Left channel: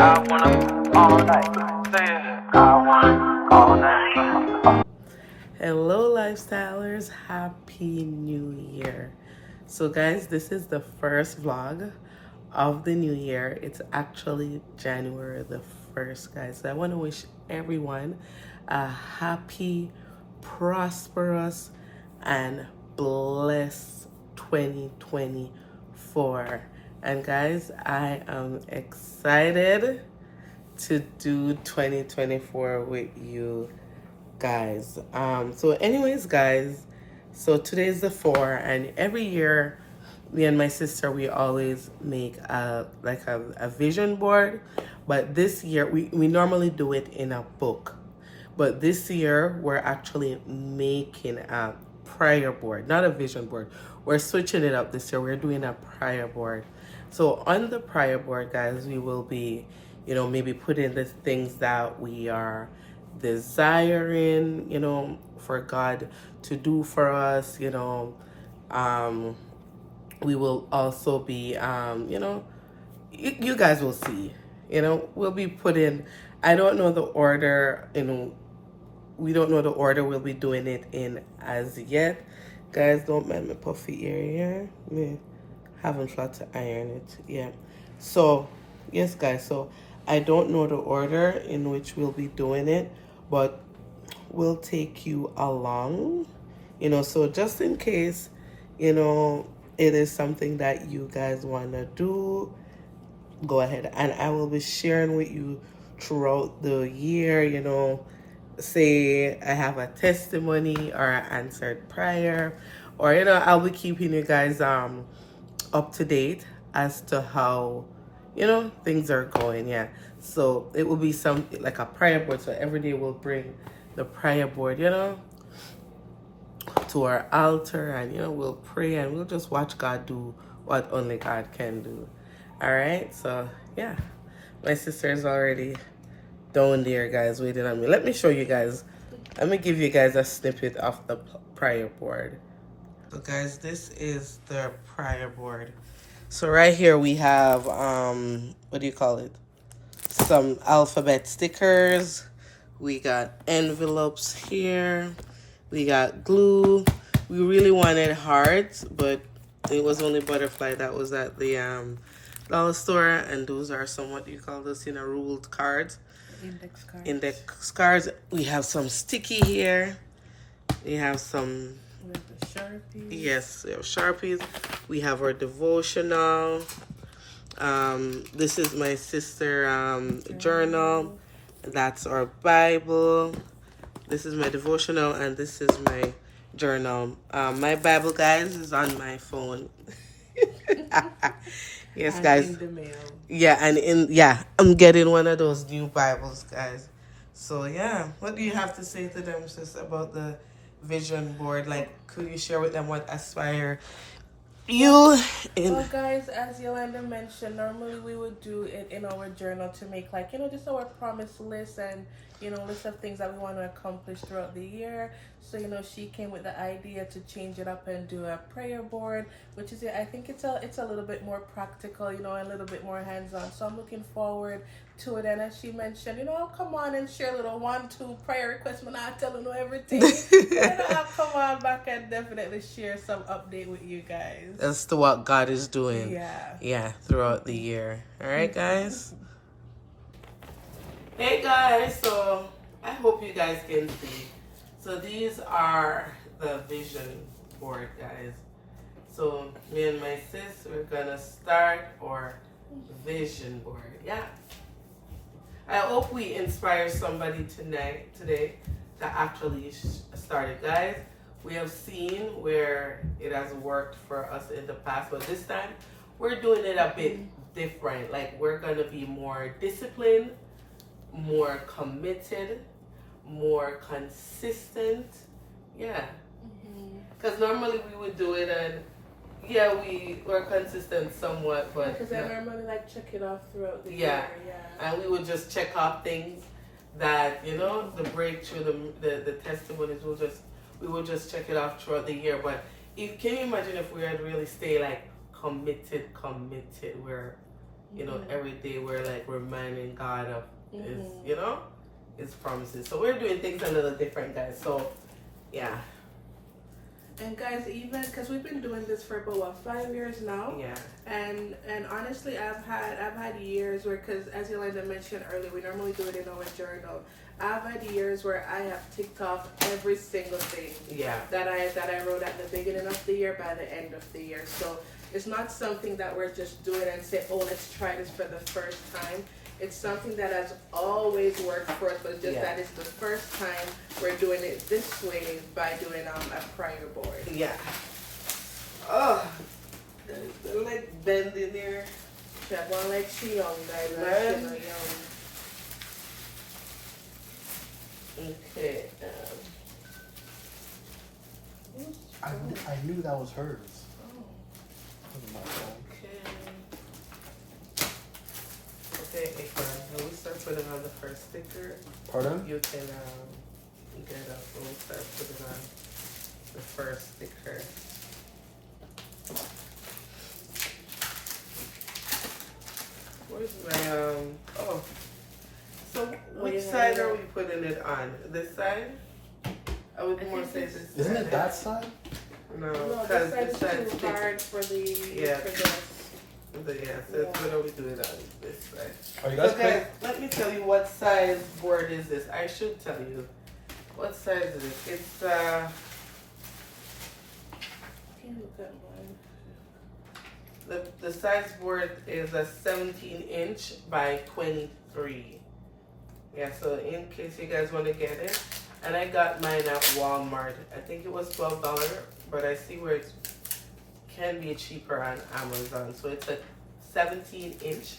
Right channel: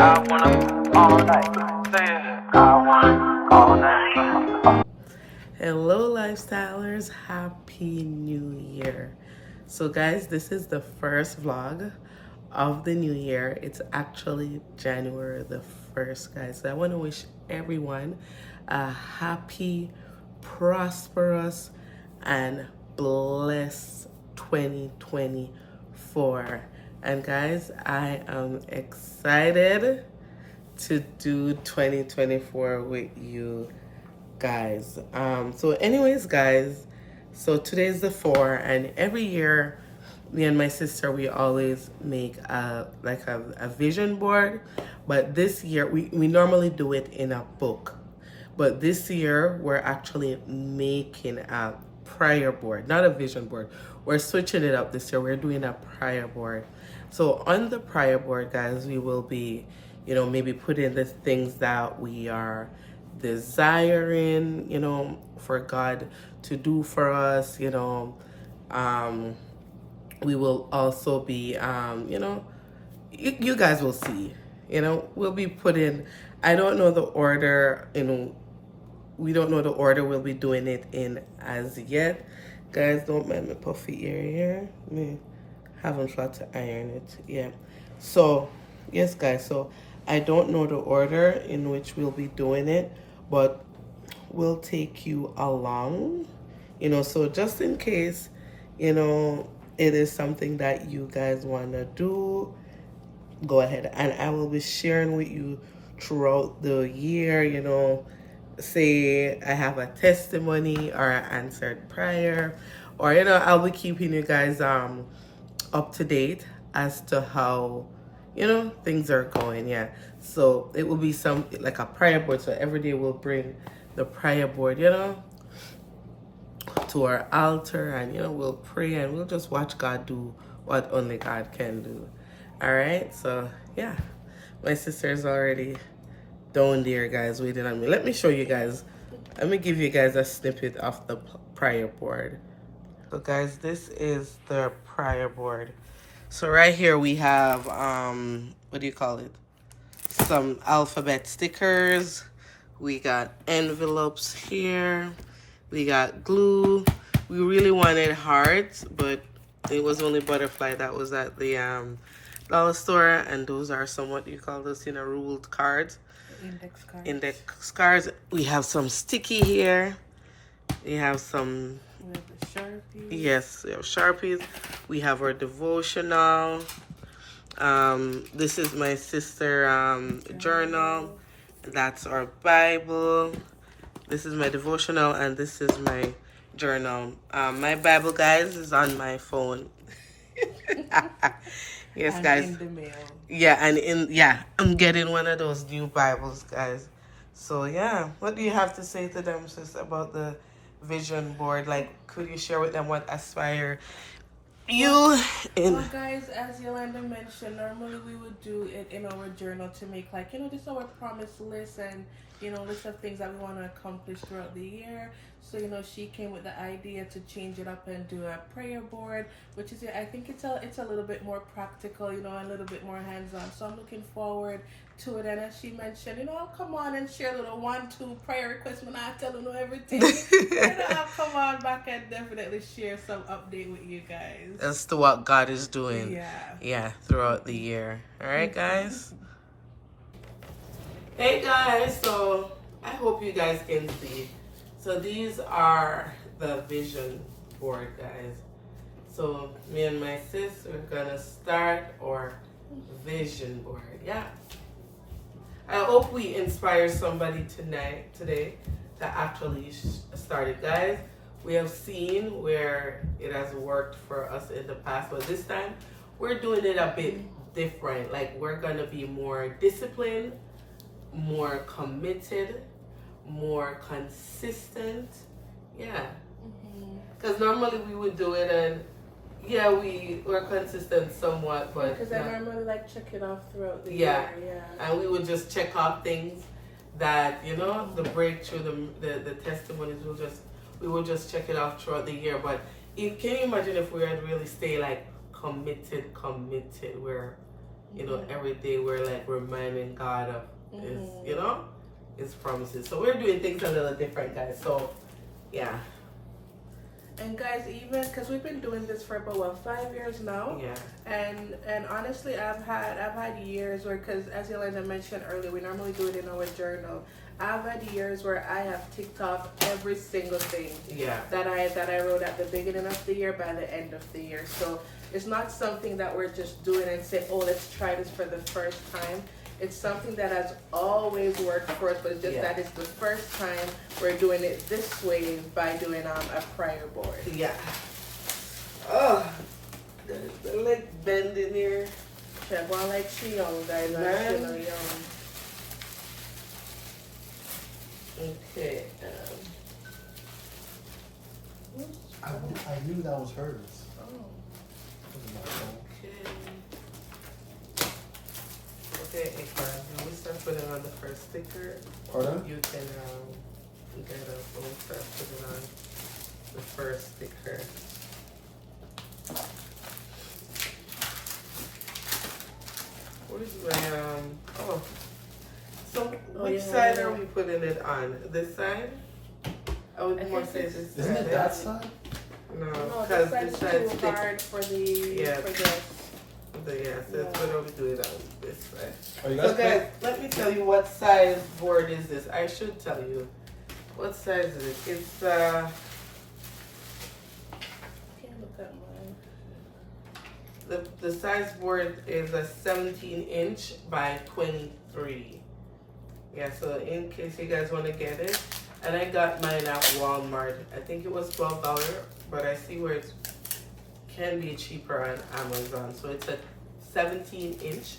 I wanna all night. Say it. I wanna all night. Hello, lifestylers. Happy New Year. So, guys, this is the first vlog of the new year. It's actually January the 1st, guys. So I want to wish everyone a happy, prosperous, and blessed 2024. And, guys, I am excited to do 2024 with you guys. So anyways, guys, so today's the 4, and every year me and my sister, we always make a vision board, but this year we normally do it in a book, but this year we're actually making a prayer board, not a vision board. We're switching it up this year. We're doing a prayer board. So on the prayer board, guys, we will be, maybe put in the things that we are desiring, for God to do for us. We will also be, you guys will see, we'll be putting, I don't know the order, we don't know the order we'll be doing it in as yet. Guys, don't mind my puffy ear here. Me haven't tried to iron it. Yeah. So, yes, guys. So, I don't know the order in which we'll be doing it, but we'll take you along. So just in case, it is something that you guys want to do, go ahead. And I will be sharing with you throughout the year, say I have a testimony or an answered prayer, or I'll be keeping you guys up to date as to how things are going. Yeah, so it will be some like a prayer board. So every day we'll bring the prayer board to our altar, and we'll pray, and we'll just watch God do what only God can do. All right, so yeah, my sister's already down there, guys, waiting on me. Let me show you guys. Let me give you guys a snippet of the prayer board. So guys, this is the prayer board. So right here we have what do you call it? Some alphabet stickers. We got envelopes here. We got glue. We really wanted hearts, but it was only butterfly that was at the dollar store, and those are some, what do you call this, ruled cards. Index cards. Index cards. We have some sticky here. We have some. We have the Sharpies. Yes, we have Sharpies. We have our devotional. This is my sister journal. That's our Bible. This is my devotional, and this is my journal. My Bible, guys, is on my phone. Yes, and guys. in the mail. Yeah, I'm getting one of those new Bibles, guys. So yeah, what do you have to say to them, sis, about the vision board? Like, could you share with them what aspire you in? Well, guys, as Yolanda mentioned, normally we would do it in our journal to make just our promise list and list of things that we want to accomplish throughout the year. So she came with the idea to change it up and do a prayer board, which is, I think it's a little bit more practical, a little bit more hands-on. So I'm looking forward to it. And as she mentioned, I'll come on and share a little 1-2 prayer requests when I tell everything. I'll come on back and definitely share some update with you guys as to what God is doing. Yeah, throughout the year. All right, guys. Hey guys, so I hope you guys can see. So these are the vision board, guys. So me and my sis, we're gonna start our vision board. Yeah. I hope we inspire somebody today to actually start it, guys. We have seen where it has worked for us in the past, but this time we're doing it a bit different. Like, we're gonna be more disciplined, more committed, more consistent. Yeah, because normally we would do it, and yeah, we were consistent somewhat, but because I remember checking off throughout the year. Yeah, And we would just check off things that the breakthrough, the testimonies, we would just check it off throughout the year. But can you imagine if we had really stay committed, where you know, every day we're like reminding God of His, you know, His promises. So we're doing things a little different, guys. So, yeah. And guys, even because we've been doing this for about what, 5 years now. Yeah. And honestly, I've had years where, because as Yolanda mentioned earlier, we normally do it in our journal. I've had years where I have ticked off every single thing that I wrote at the beginning of the year by the end of the year. So it's not something that we're just doing and say, oh, let's try this for the first time. It's something that has always worked for us, but just that it's the first time we're doing it this way by doing a prayer board. Yeah. Oh, the leg bending here. Check one like see young guys. Man. Okay. I knew that was hers. Okay, Akbar, now we start putting on the first sticker. Pardon? You can get up and we'll start putting on the first sticker. Where's my oh. So which side are we putting it on? This side? I would more say this side. Isn't it that side? No, No, because this this side side's is too thick. hard for this. So what are we doing on this side? Are you So guys guys, let me tell you what size board is this. I should tell you. What size is it? It's Can't look at mine. the size board is a 17-inch by 23. Yeah, so in case you guys want to get it. And I got mine at Walmart. I think it was $12, but I see where it can be cheaper on Amazon. So it's a 17-inch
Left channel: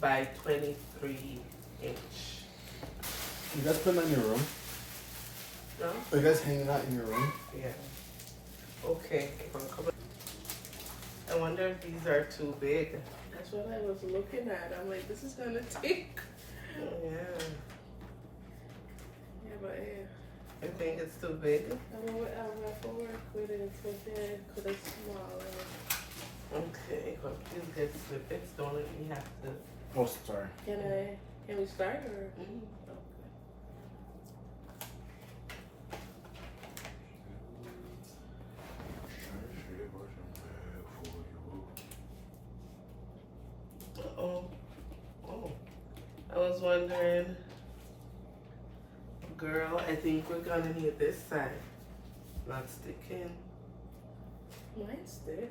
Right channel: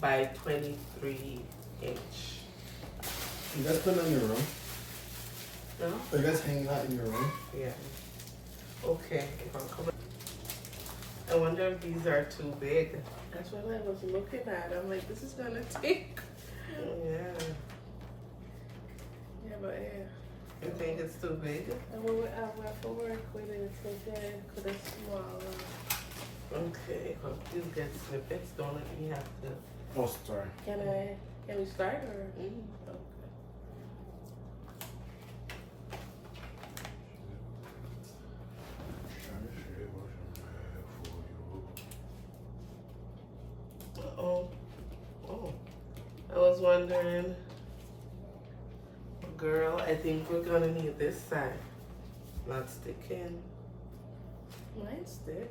by 23-inch. You guys put them in your room? No? Are you guys hanging out in your room? Yeah. Okay. I wonder if these are too big. That's what I was looking at. I'm like, this is gonna take. Yeah. Yeah, but yeah. You think it's too big? And we have to work with it because it's small. Okay. Well, please get snippets. Don't let me have to. Oh, sorry. Can we start or? Mm. Oh. I was wondering, girl, I think we're gonna need this side. Not sticking. Mine stick.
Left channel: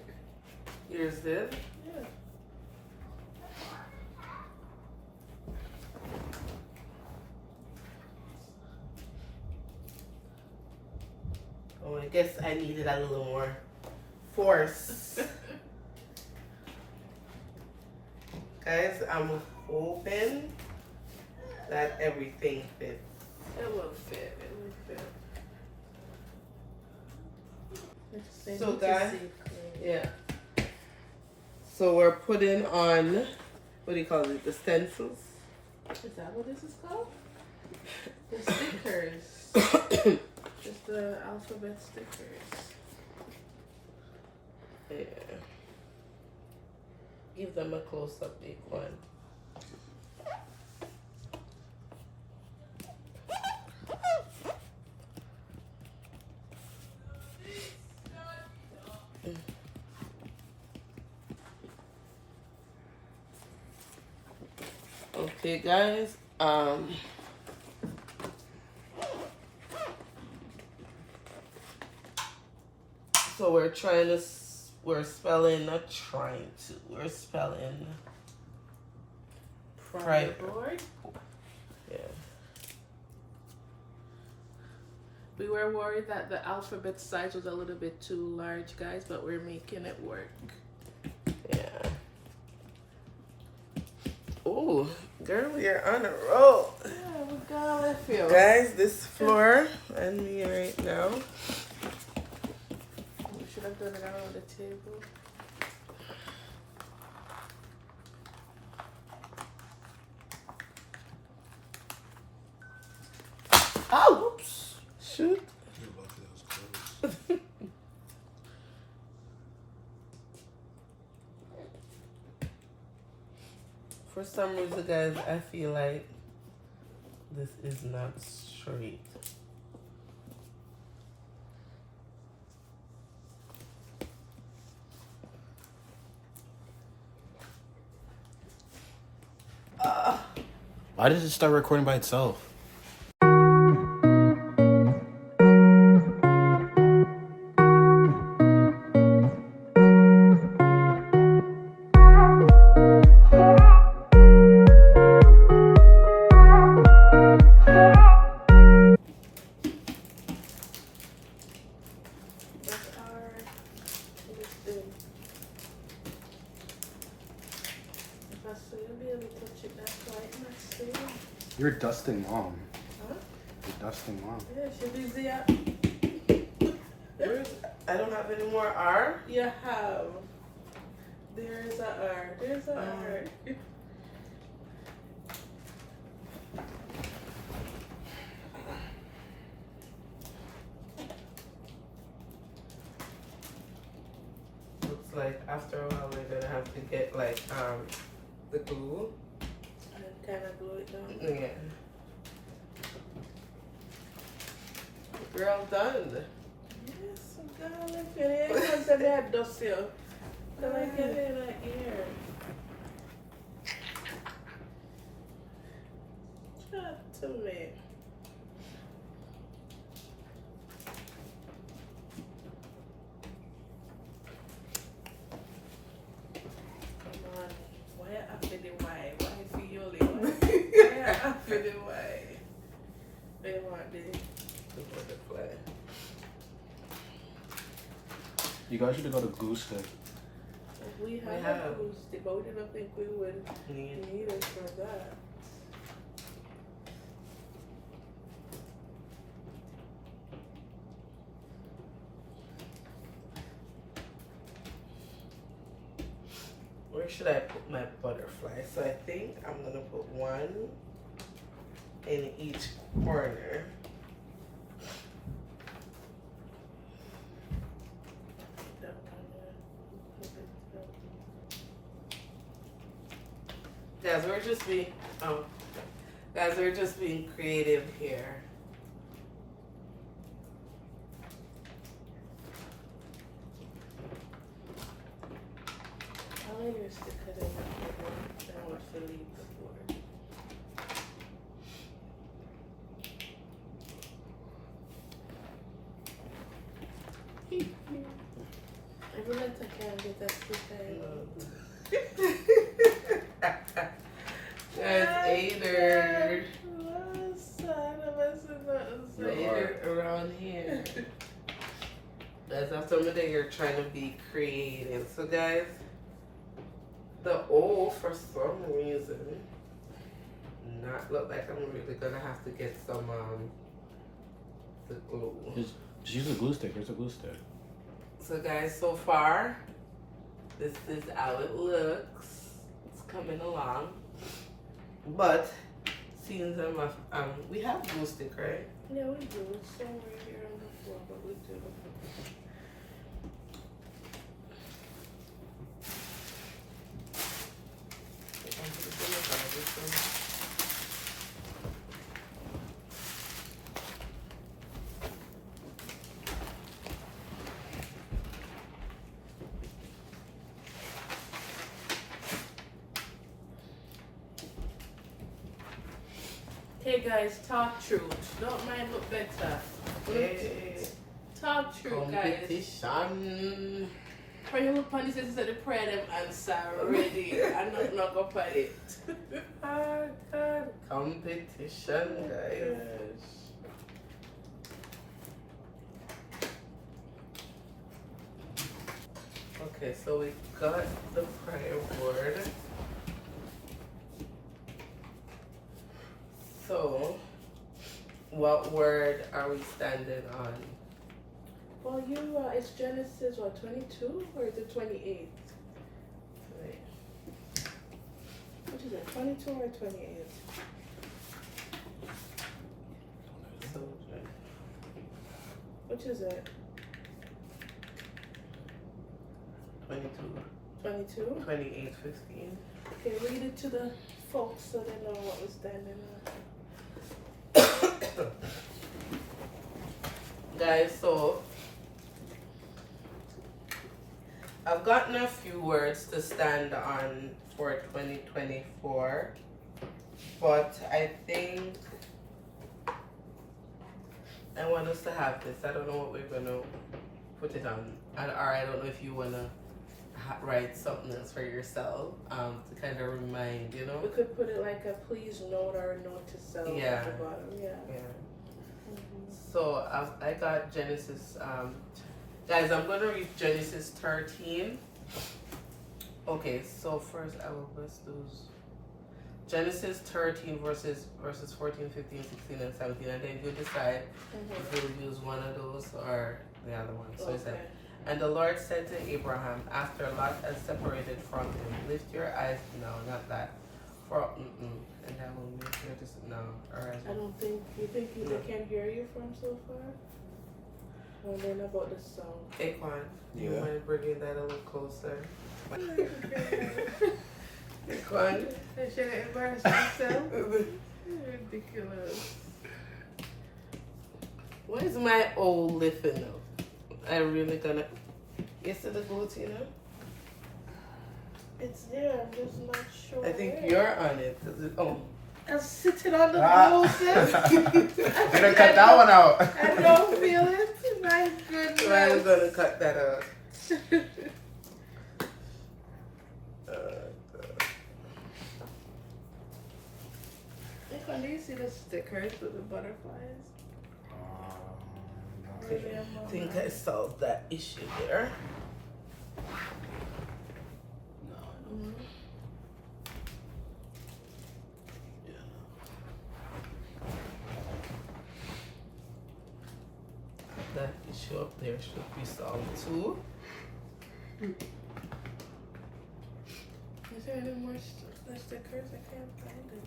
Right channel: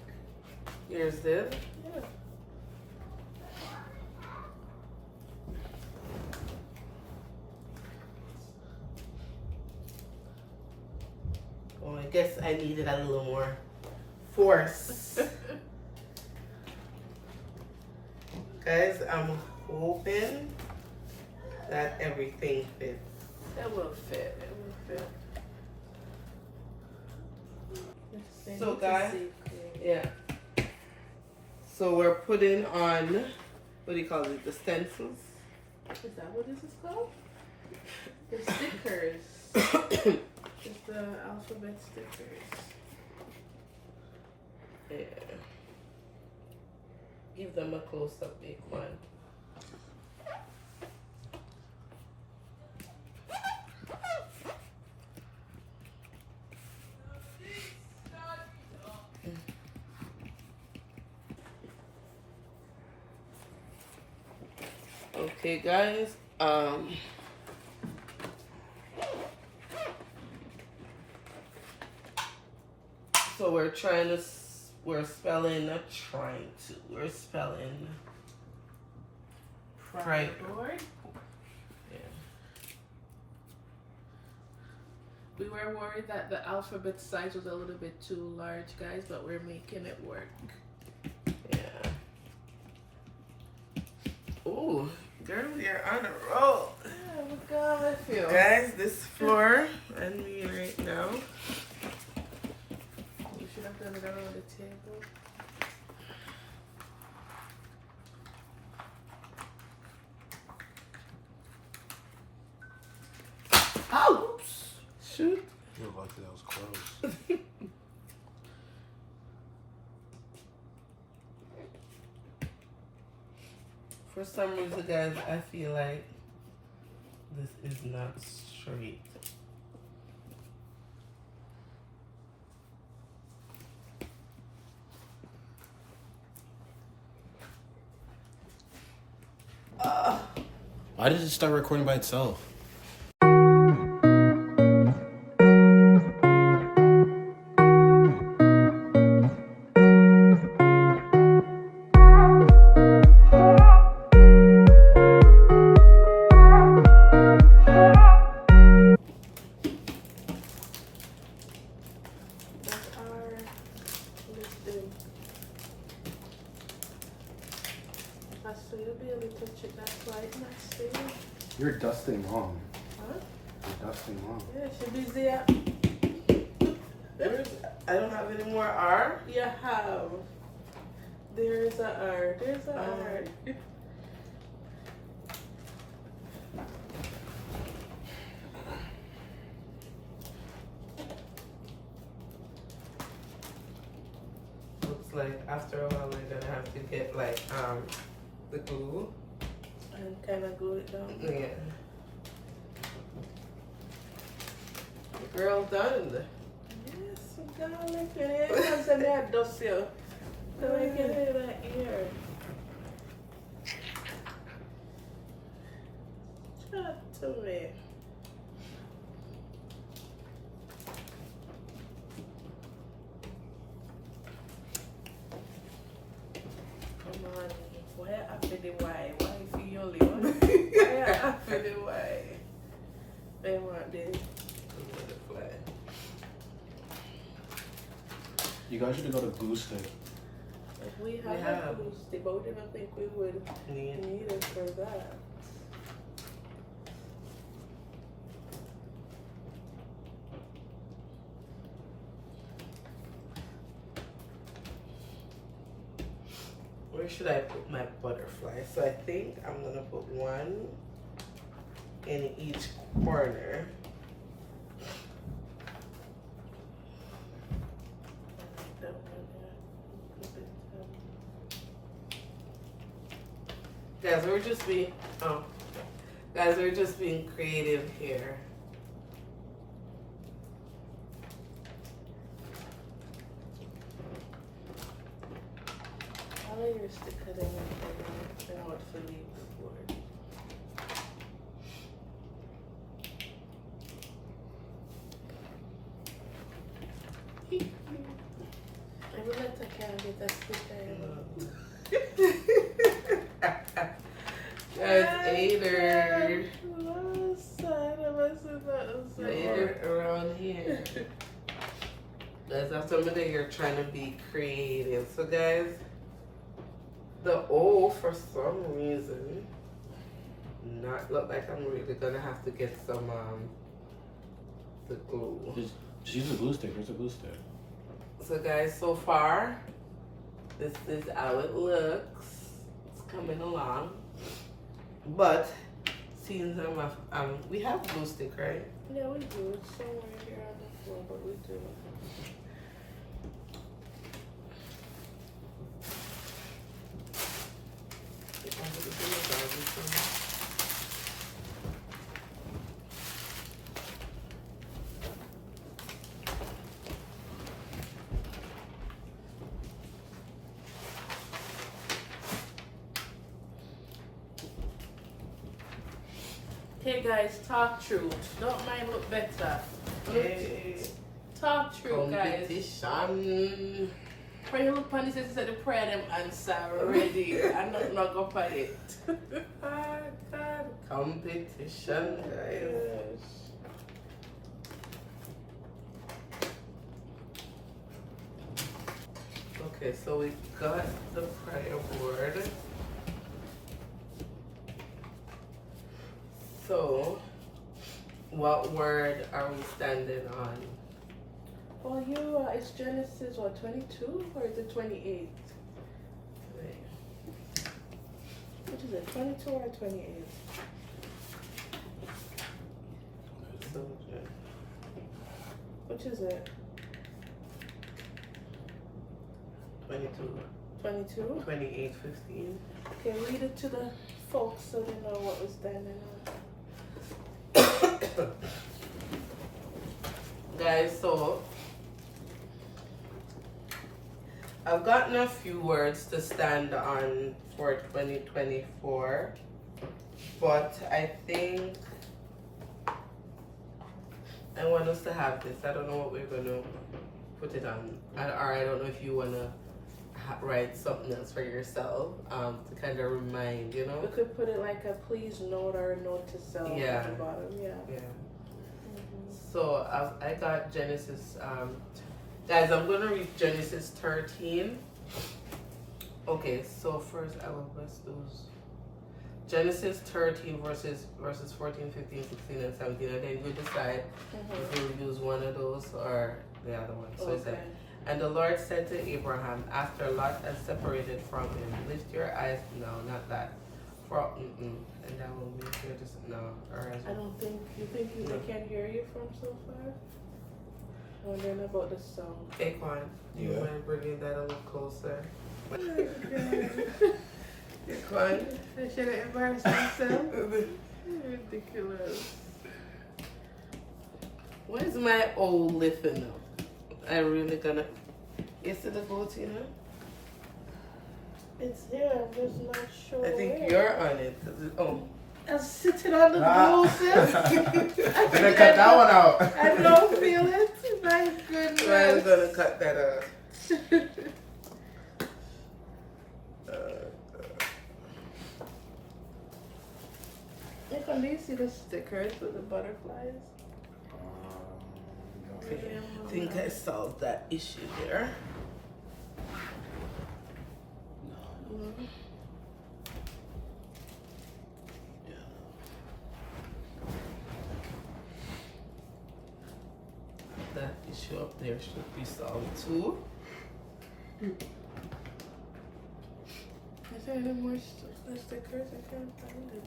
Yours did? Yeah. Oh, I guess I needed a little more force. Guys, I'm hoping that everything fits. It will fit. It will fit. So guys, yeah. So we're putting on, what do you call it, the stencils? Is that what this is called? The stickers. Just the alphabet stickers. Yeah. Give them a close-up, big one. Okay, guys. So we're spelling PRAYERBOARD. Yeah. We were worried that the alphabet size was a little bit too large, guys, but we're making it work. Yeah. Oh, girl, we are on a roll. Yeah, look how I feel. Guys, this floor and me right now. We should have done it on the table. Oh, oops. Shoot. You're lucky that was close. some reason, guys, I feel like this is not straight. Why did it start recording by itself? You're dusting mom. Huh? You're dusting mom. Yeah, she busy. Where's, I don't have any more R. You have. There's a R. There's a R. Looks like after a while we're gonna have to get like the glue. And kind of glue it down. Yeah. Girl done. Yes, darling. I'm saying that dust here. Can I get it right here? Chat to me. Come on. Why after the why? Why is you only one? Why after the why? They want the Butterfly. You guys should go to Goose Head. if we We have have. a boost, but I don't think we would Need. need it for that. Where should I put my butterfly? So I think I'm gonna put one in each corner. Guys, we're just being creative here. I used to cut in and what to leave before. I feel like I can't get that Guys, Ader. Ader around here. Guys, that's something that you're trying to be creative. So guys, the O for some reason not look like I'm really gonna have to get some the glue. Just use a glue stick. Where's the glue stick? So guys, so far this is how it looks. It's coming along. But since we have glue stick, right? Yeah, we do. It's somewhere here on the floor, but we do. Hey guys, talk truth. Don't mind look better. Hey, Talk truth, guys. competition. When you look on this, it said the prayer them answer already. I'm not gonna find it. Oh, God. Competition, guys. Okay, so we got the prayer board. So, what word are we standing on? Well, it's Genesis, what, 22 or is it 28? Wait. Which is it, 22 or 28? So, Which is it? 22, 22? 28, 15. Okay, read it to the folks so they know what we're standing on. Guys, so I've gotten a few words to stand on for 2024, but I think I want us to have this. I don't know what we're gonna put it on, or I don't know if you wanna write something else for yourself to kind of remind, you know. We could put it like a please note or a note to self Yeah. at the bottom. Yeah. Yeah. So I got Genesis. Guys, I'm gonna read Genesis 13. Okay, so first I will bless those. Genesis 13 verses 14, 15, 16, and 17, and then you decide if you'll use one of those or the other one. So it said, and the Lord said to Abraham, after Lot had separated from him, lift your eyes, no, not that, and I will make your no, or I don't think you think people can hear you from so far. Wondering about the song. Aquan, do you mind bringing that a little closer? Aquan, should I embarrass myself? Ridiculous. Where's my old lifting up? I'm really gonna. Is it the goat, you know? It's there. I'm just not sure. I think where. you're on it. Oh. I'm sitting on the Ah. roses. I'm gonna cut that one out. I don't feel it. My goodness. I'm gonna cut that out. If I do you see the stickers with the butterflies? I think I solved that issue there. That issue up there should be solved too. Is there any more stickers? I can't find it.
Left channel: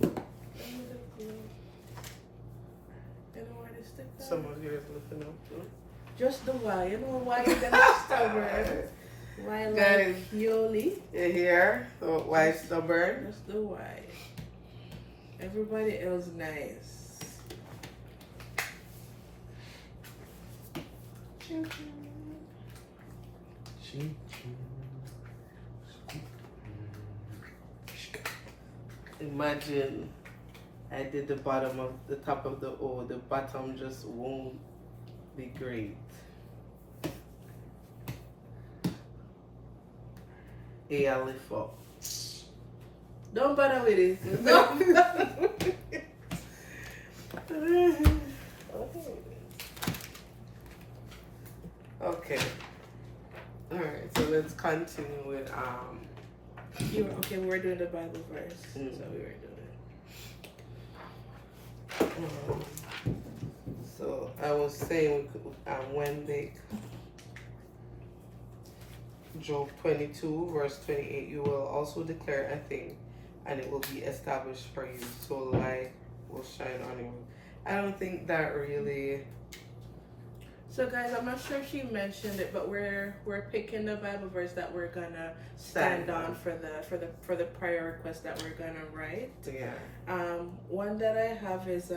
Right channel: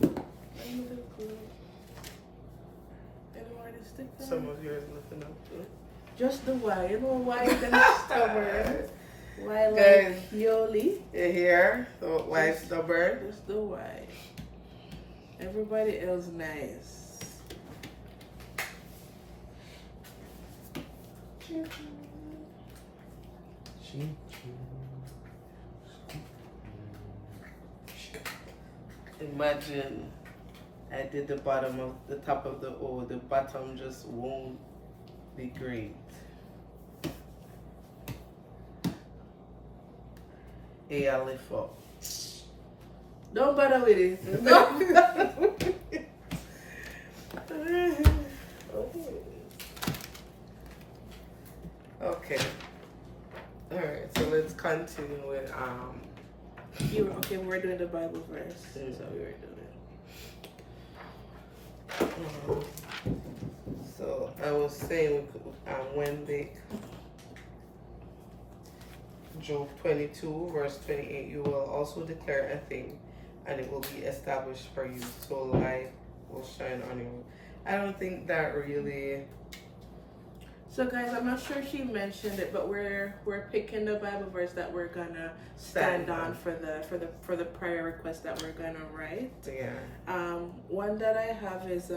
Let me just go. Any more to stick on? Some of yours looking up too. Just the Y. You know why you're gonna stubborn? Why like Guys. Yoli? You hear? So why stubborn? Just the Y. Everybody else nice. Imagine I did the bottom of the top of the O, the bottom just won't be great. A, I lift up. Don't bother with it. Don't bother with it. Okay. Alright, so let's continue with Okay, we're doing the Bible verse. So we were doing so I was saying when they Job 22 verse 28, you will also declare a thing and it will be established for you, so light will shine on you. I don't think that really. So guys, I'm not sure if she mentioned it, but we're picking the Bible verse that we're gonna stand on for the prayer request that we're gonna write. Yeah. One that I have is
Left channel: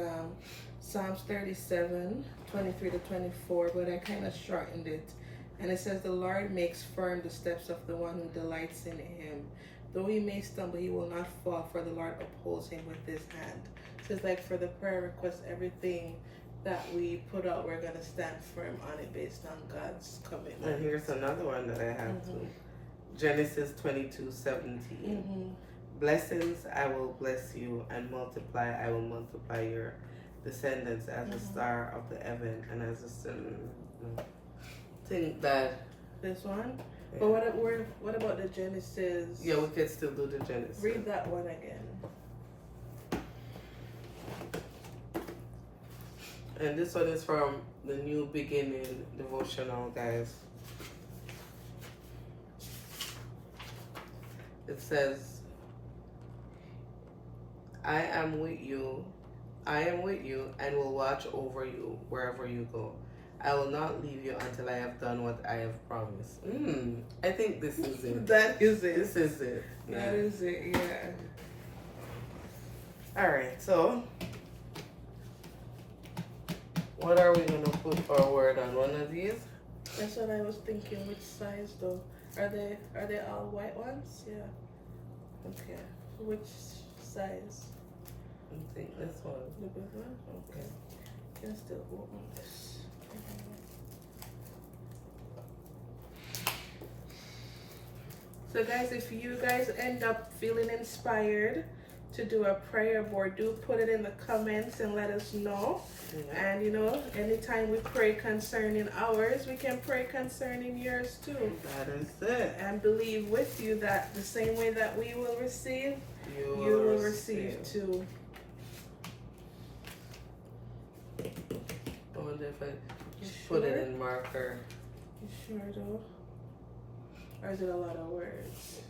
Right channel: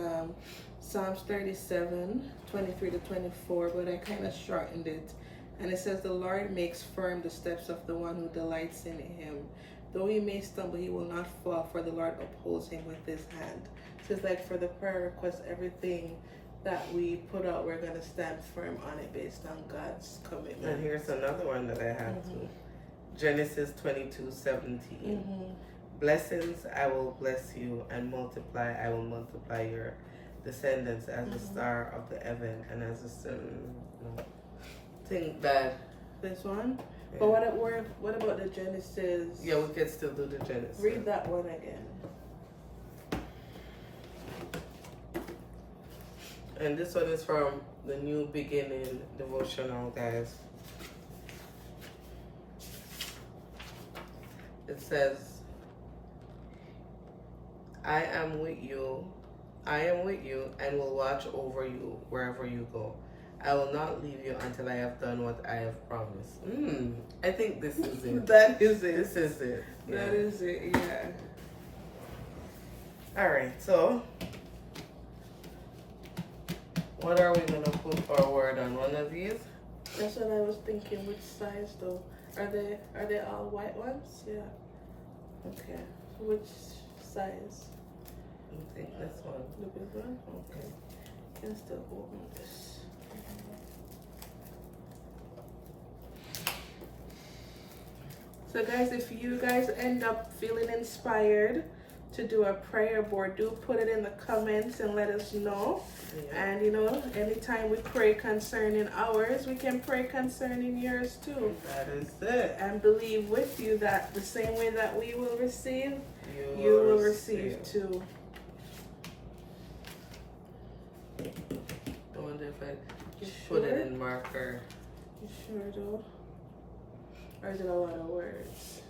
Psalms 37, 23 to 24, but I kind of shortened it. And it says, the Lord makes firm the steps of the one who delights in him. Though he may stumble, he will not fall, for the Lord upholds him with his hand. So it's like for the prayer request, everything that we put out, we're going to stand firm on it based on God's commitment. And here's another one that I have too. Genesis 22:17. Blessings, I will bless you, and multiply, I will multiply your descendants as the star of the heaven and as the sun. Think that. This one? Yeah. But what about the Genesis? Yeah, we can still do the Genesis. Read that one again. And this one is from the New Beginning devotional, guys. It says, I am with you and will watch over you wherever you go. I will not leave you until I have done what I have promised. I think this is it. That is it. This is it. That is it, yeah. Alright, so what are we gonna put our word on? One of these? That's what I was thinking. Which size though? Are they all white ones? Yeah. Okay. Which size? I think this one. The big one? Okay. Can still open this. So guys, if you guys end up feeling inspired to do a prayer board, do put it in the comments and let us know. Yeah. And you know, anytime we pray concerning ours, we can pray concerning yours too. That is it. And believe with you that the same way that we will receive, You you will receive too. I wonder if I You put sure? it in marker. You sure though? Or is it a lot of words?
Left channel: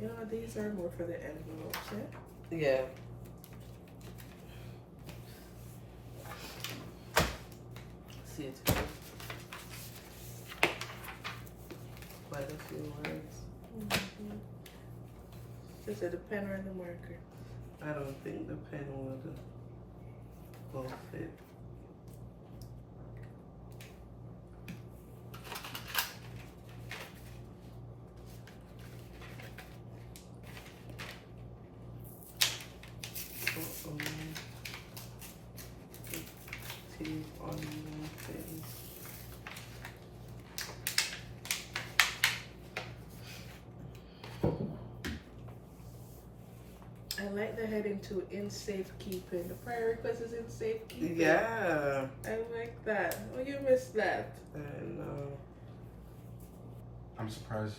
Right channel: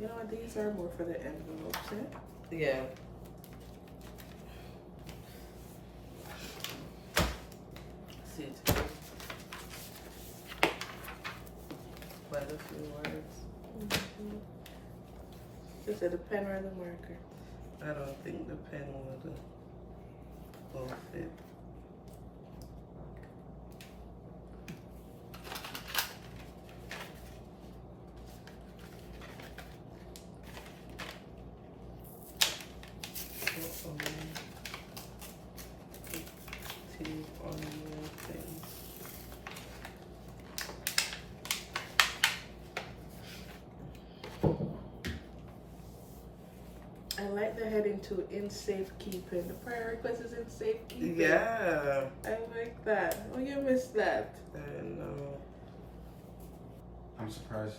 You know, these are more for the envelopes, eh? Yeah. See it. Quite a few words. Mm-hmm. Is it the pen or the marker? I don't think the pen would go fit. Teeth on the thing. I like the heading too, in safekeeping. The prayer request is in safekeeping. Yeah. I like that. Oh, you missed that. And I'm surprised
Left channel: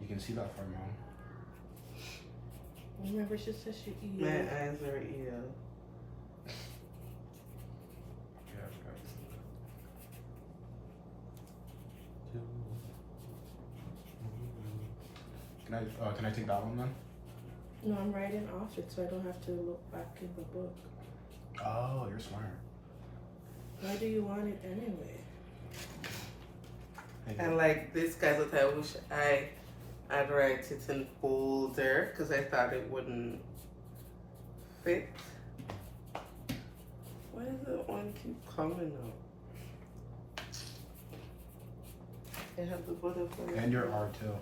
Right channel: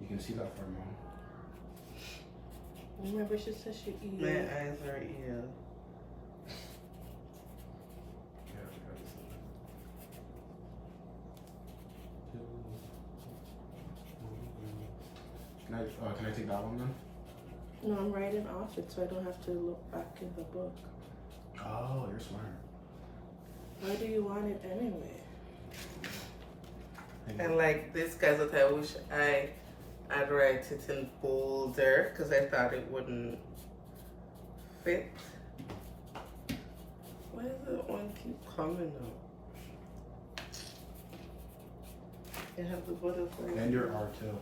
you can see that far, Mom. Remember, she said she eat my it. eyes are ear. Can I take that one then? No, I'm writing off it so I don't have to look back in the book. Oh, you're smart. Why do you want it anyway? And like this guys, I wish I'd write it in bolder because I thought it wouldn't fit. Why does that one keep coming out? I have the butterfly. And your R too.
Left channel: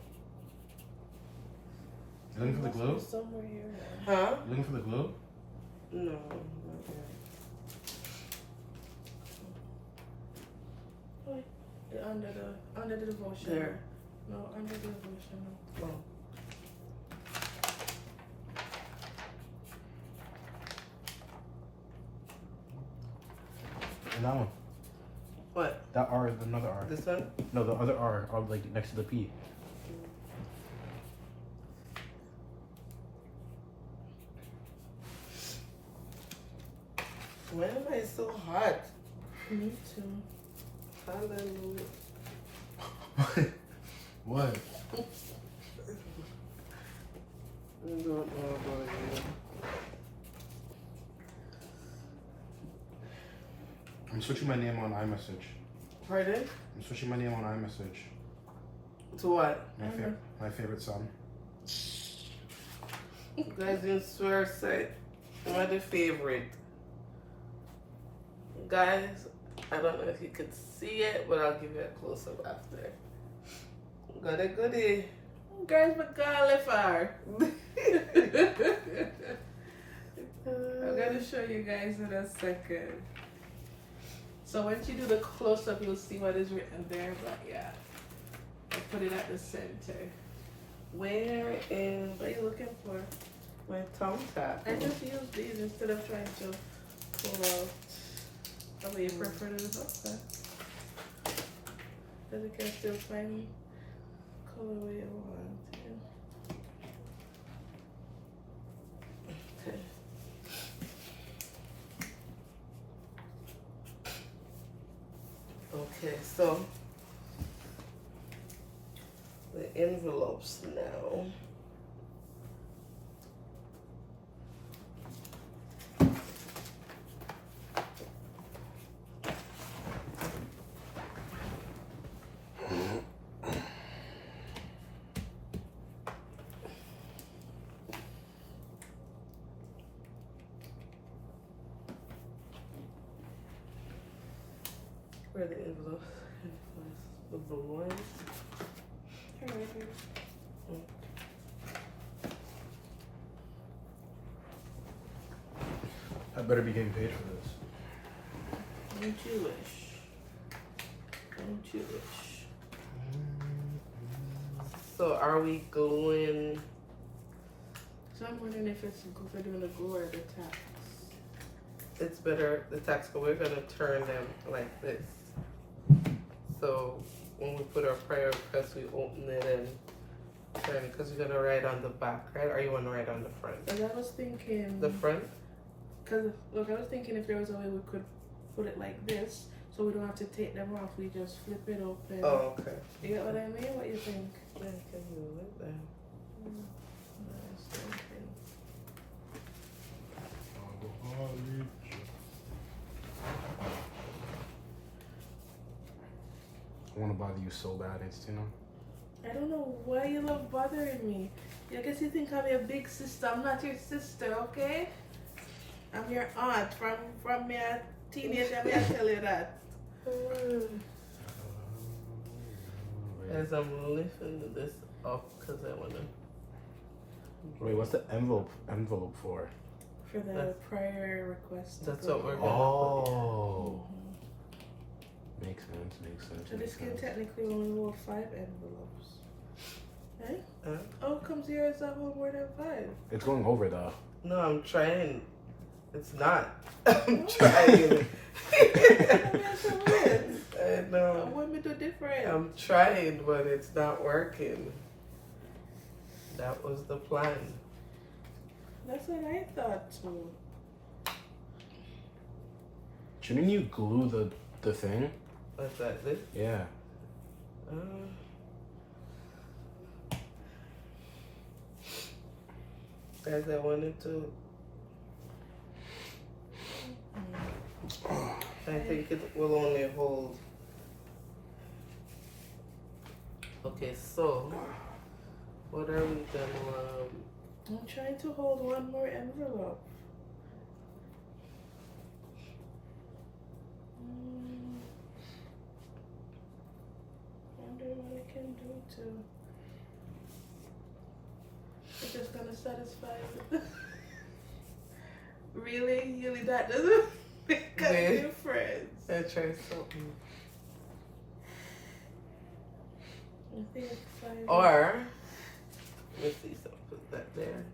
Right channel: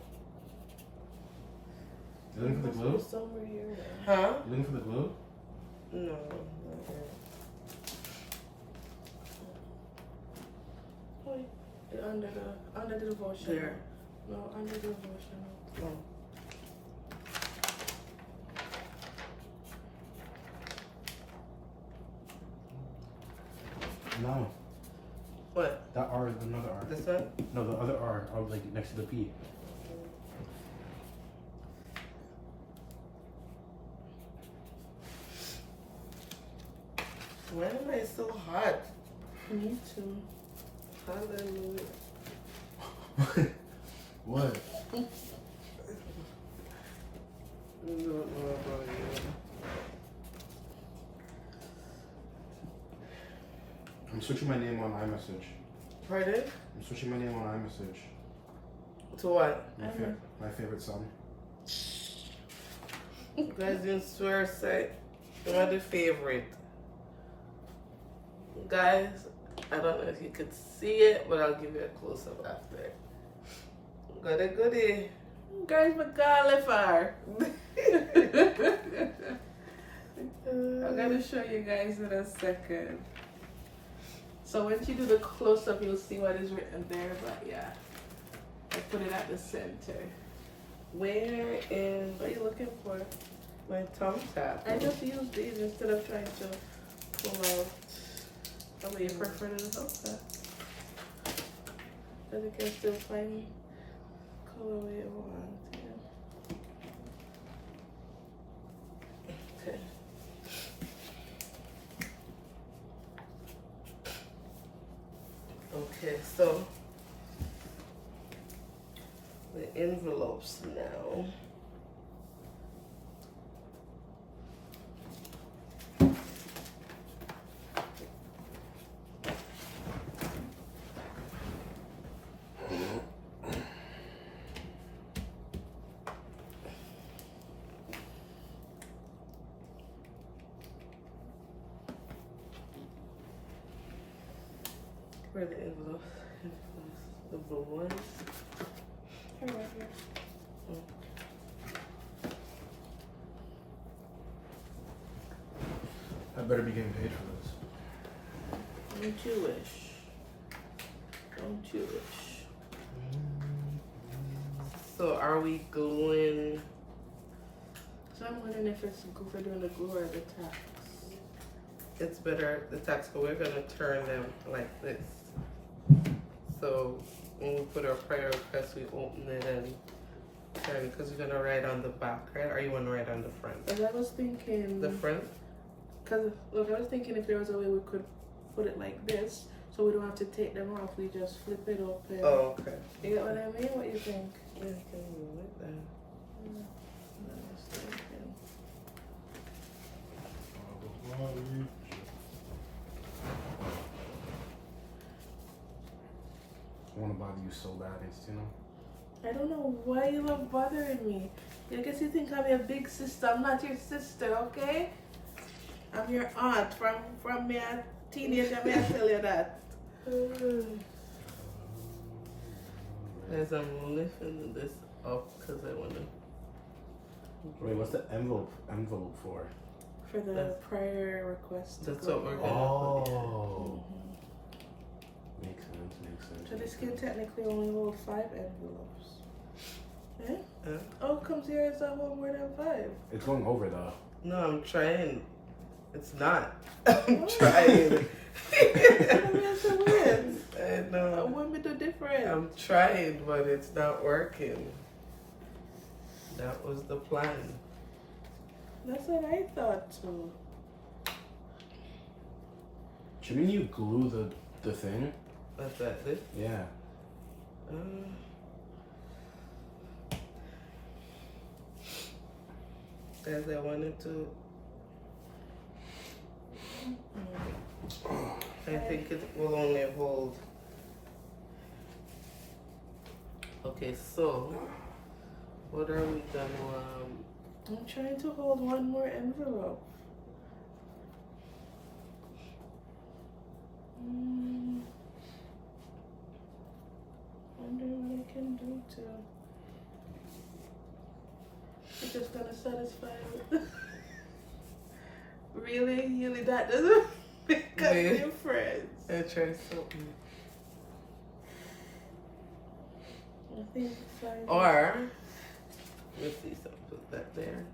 You looking for the glue? Somewhere here. Huh? You looking for the glue? No, not yet. Oh, under the devotional. There. No, under the devotional. Oh. And that one. What? That R, another R. This one? No, the other R, like next to the P. Why am I so hot? Me too. Hallelujah. What? I don't know about you. I'm switching my name on iMessage. Pardon? I'm switching my name on iMessage. To what? My favorite song. You guys didn't swear say what the favorite. Guys, I don't know if you could see it, but I'll give you a close up after. Got a goodie. Guys, McCallifar. I'm gonna show you guys in a second. So once you do the close up, you'll see what is written there. But yeah, I put it at the center. Where is What are you looking for? my tongue tap? I just use these instead of trying to pull out. Oh, you prefer to okay. Because you can still find colorway you want. Okay. Okay, so the envelopes now. for the envelope. The blue one. Here, right here. I better be getting paid for this. Don't you wish? Don't you wish? So are we gluing? So I'm wondering if it's good for doing the glue or the tack. It's better the tacks, but we're gonna turn them like this. So when we put our prayer request, we open it and turn it because we're gonna write on the back, right? Or you wanna write on the front? But I was thinking, The front? cause look, I was thinking if there was a way we could put it like this, so we don't have to take them off. We just flip it open. Oh, okay. You get what I mean? What you think? Yeah, I can do it like that. That's what I'm thinking. I want to bother you so bad, you know. I don't know why you love bothering me. I guess you think I'm your big sister. I'm not your sister, okay? I'm your aunt from me a teenager. May I tell you that? As I'm lifting this up because I wanna. Wait, what's the envelope for? For the That's- prayer request. to That's go what we're in. gonna Oh, Mhm. makes sense. So this can technically only hold 5 envelopes. Eh? Huh? Oh, it comes here as a whole more than 5. It's going over though. No, I'm trying. It's not. I'm trying. That's so weird. I know. What me do different? I'm trying, but it's not working. That was the plan. That's what I thought too. Shouldn't you glue the thing? What's that? This? Yeah. Guys, I wanted to. I think it will only hold. Okay, so what are we gonna? I'm trying to hold one more envelope. Wonder what I can do to. It's just gonna satisfy with. Really, that doesn't make a Yeah. difference. I try something. I think size. Or let's see. So put that there.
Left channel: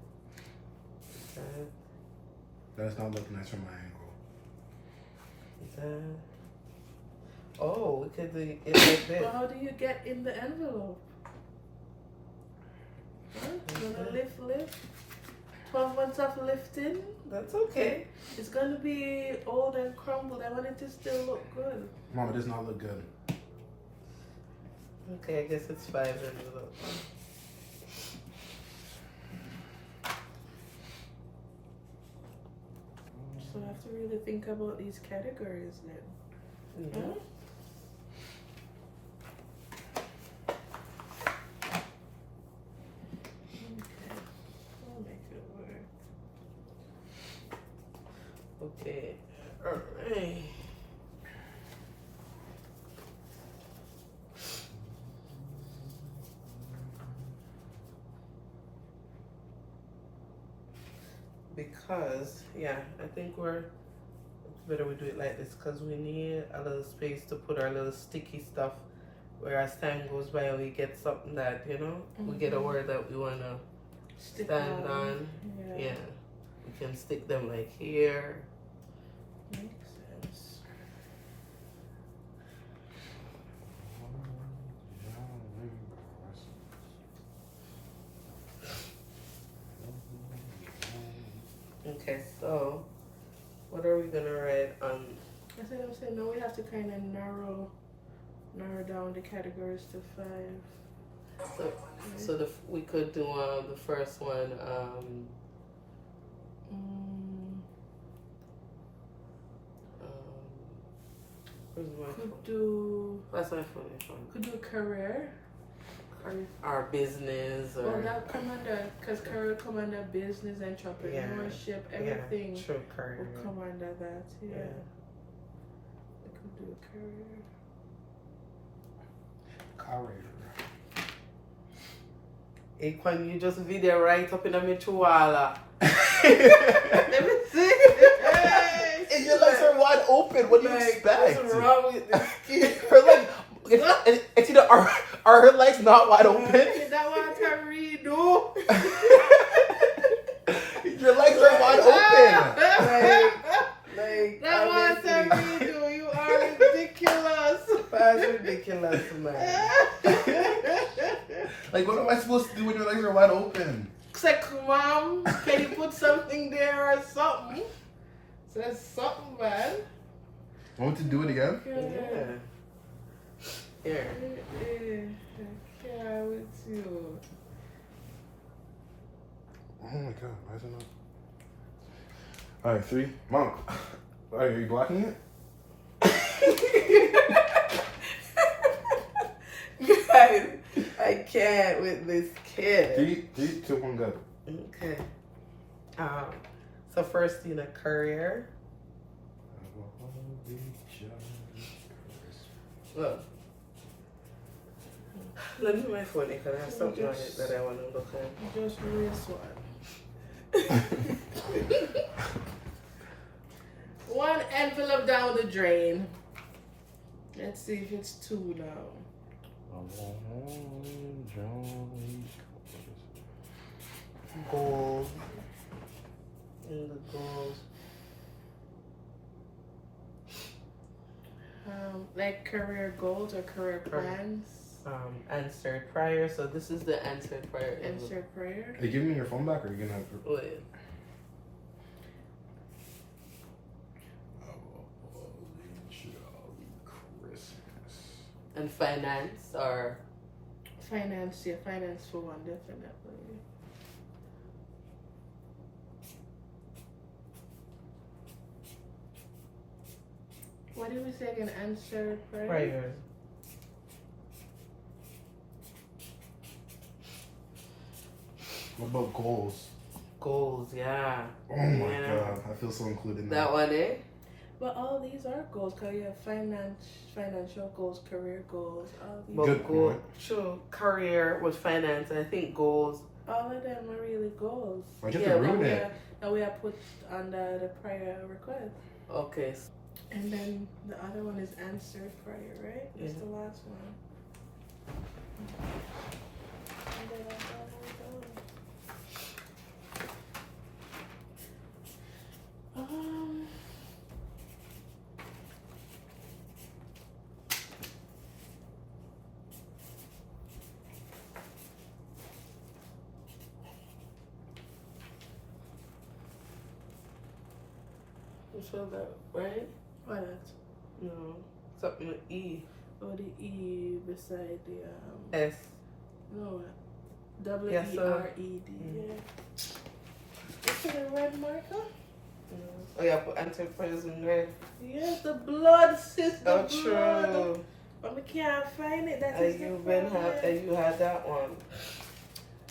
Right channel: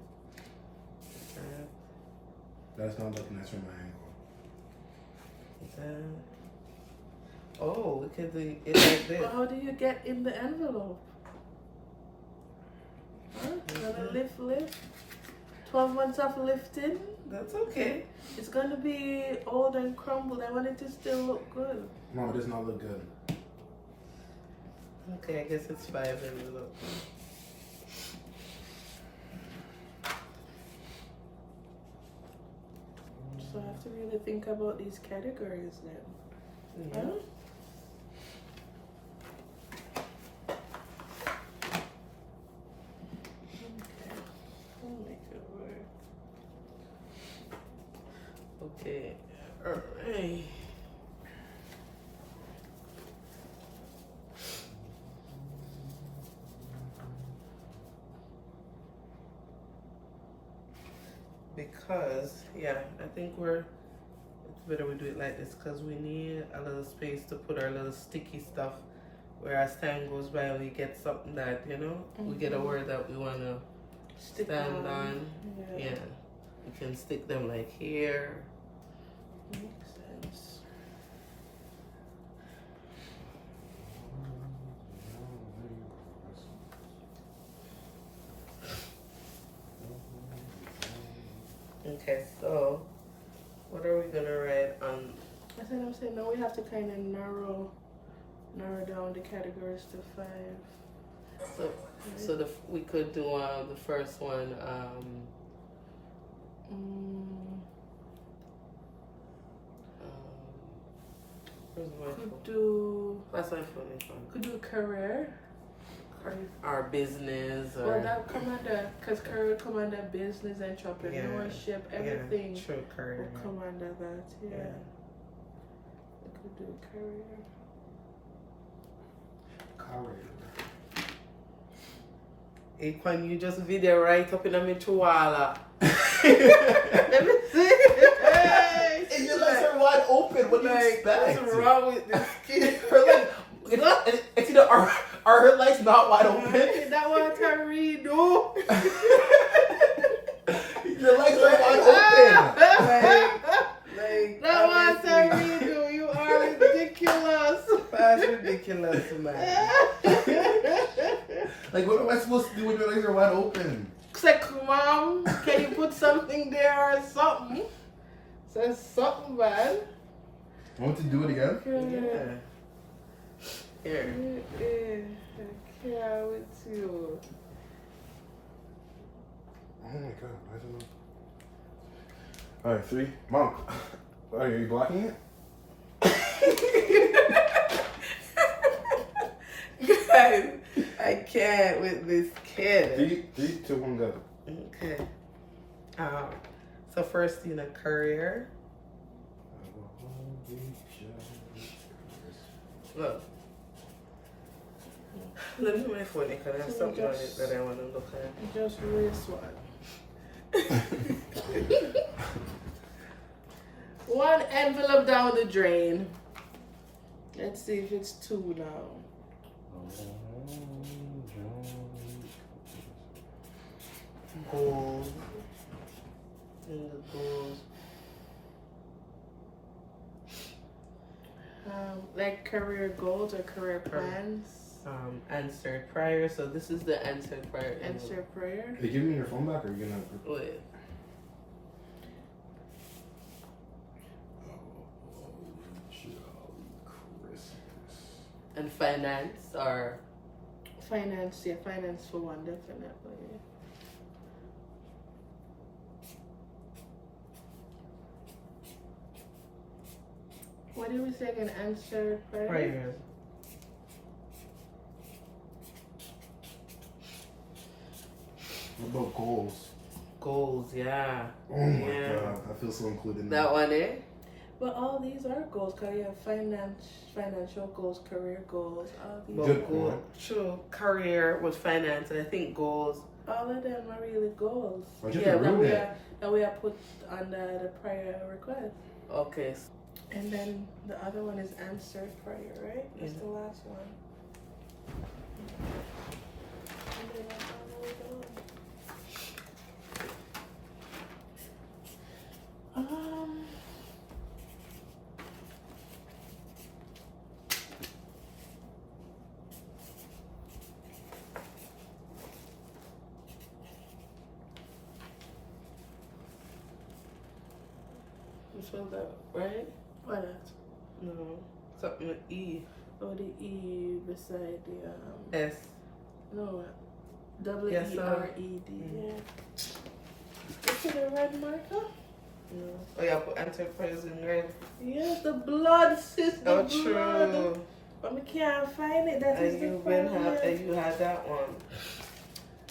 That. That's not looking nice from my angle. That. Oh, we could do it like this. But how do you get in the envelope? Huh? You're gonna lift. 12 months of lifting. That's okay. It's gonna be old and crumbled. I want it to still look good. Mom, it does not look good. Okay, I guess it's 5 envelopes. So I have to really think about these categories then. Yeah. Huh? Okay. We'll make it work. Okay. Alright. Because, yeah, I think it's better we do it like this because we need a little space to put our little sticky stuff where as time goes by we get something that, we get a word that we want to Stick stand on. Yeah. Yeah. We can stick them like here. Makes sense. Okay, so what are we gonna write on? I said no, we have to kind of narrow down the categories to 5. So we could do the first one. Where's my phone? Could do That's my phone. could do career. Our business or Well, that come under, because career come under business, entrepreneurship, everything Yeah, true, career. will come under that. Yeah. to do career. Aquan, you just video right up in the Michuala. Let me see. And your legs are wide open. What do you expect? What's wrong with this kid? Her leg, it's either are her legs not wide open? That one can read, no. Your legs are wide open. That one can read, no. You are ridiculous. That's ridiculous, man. Like, what am I supposed to do when your legs are wide open? Say, Mom, can you put something there or something? Say something, man. Want to do it again? Yeah. Here. I care with you. Oh my god, why is it not? Alright, 3. Mom. Are you blocking it? Guys, I can't with this kid. 3, 2, 1, go. Okay. So first, career. Look. Let me do my phone because I have something on it that I want to look at. Just race one. One envelope down the drain. Let's see if it's 2 now. Goals. And the goals. Like career goals or career plans. Answered prayer. So this is the answered prayer. Answer prayer. Hey, give me your phone back or are you gonna... Wait. And finance or Finance, yeah, finance for one, definitely. What did we say again? Answer prayer? prayers. What about goals? Goals, yeah. Oh my Yeah. god, I feel so included That now. one, eh? But all these are goals, because you have financial goals, career goals, all these. But Good goal, point. true, career with finance. I think goals. All of them are really goals. Why'd you have Yeah, to That ruin we it? are, that we are put under the prayer request. Okay. And then the other one is answered prayer, right? That's the last one. And then that's all the way down. You spelled that right? What? No. Something with E. Oh, the E beside the S. no, Yes, WERED. Yeah. Is it a red marker? No. Oh yeah, put answered prayers in red. Yes, the blood, sis. The Oh, blood. true. But we can't find it. That is And the you problem. you had that one.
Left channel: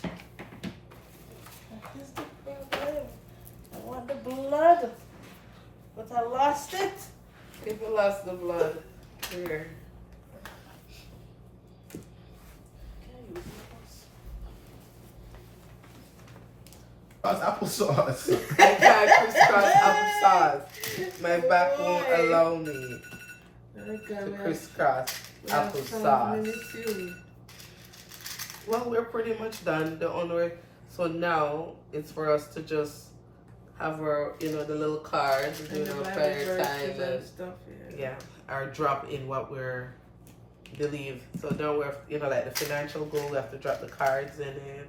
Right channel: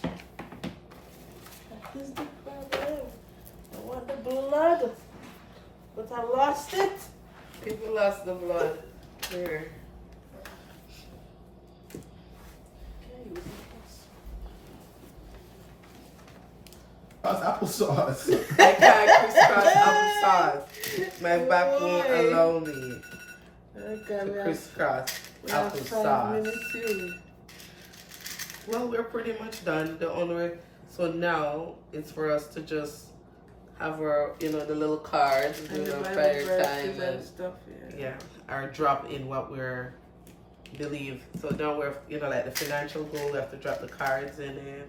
That is the problem. I want the blood, but I lost it. If you lost the blood, here. That's applesauce. I can't crisscross applesauce. My back won't Boy. allow me Okay, to we have crisscross 5 applesauce. minutes here. Well, we're pretty much done. The only so now it's for us to just have our, the little cards, And do the our Bible prayer verses time, and and stuff. yeah, or drop in what we're believe. So now we're, like the financial goal, we have to drop the cards in it,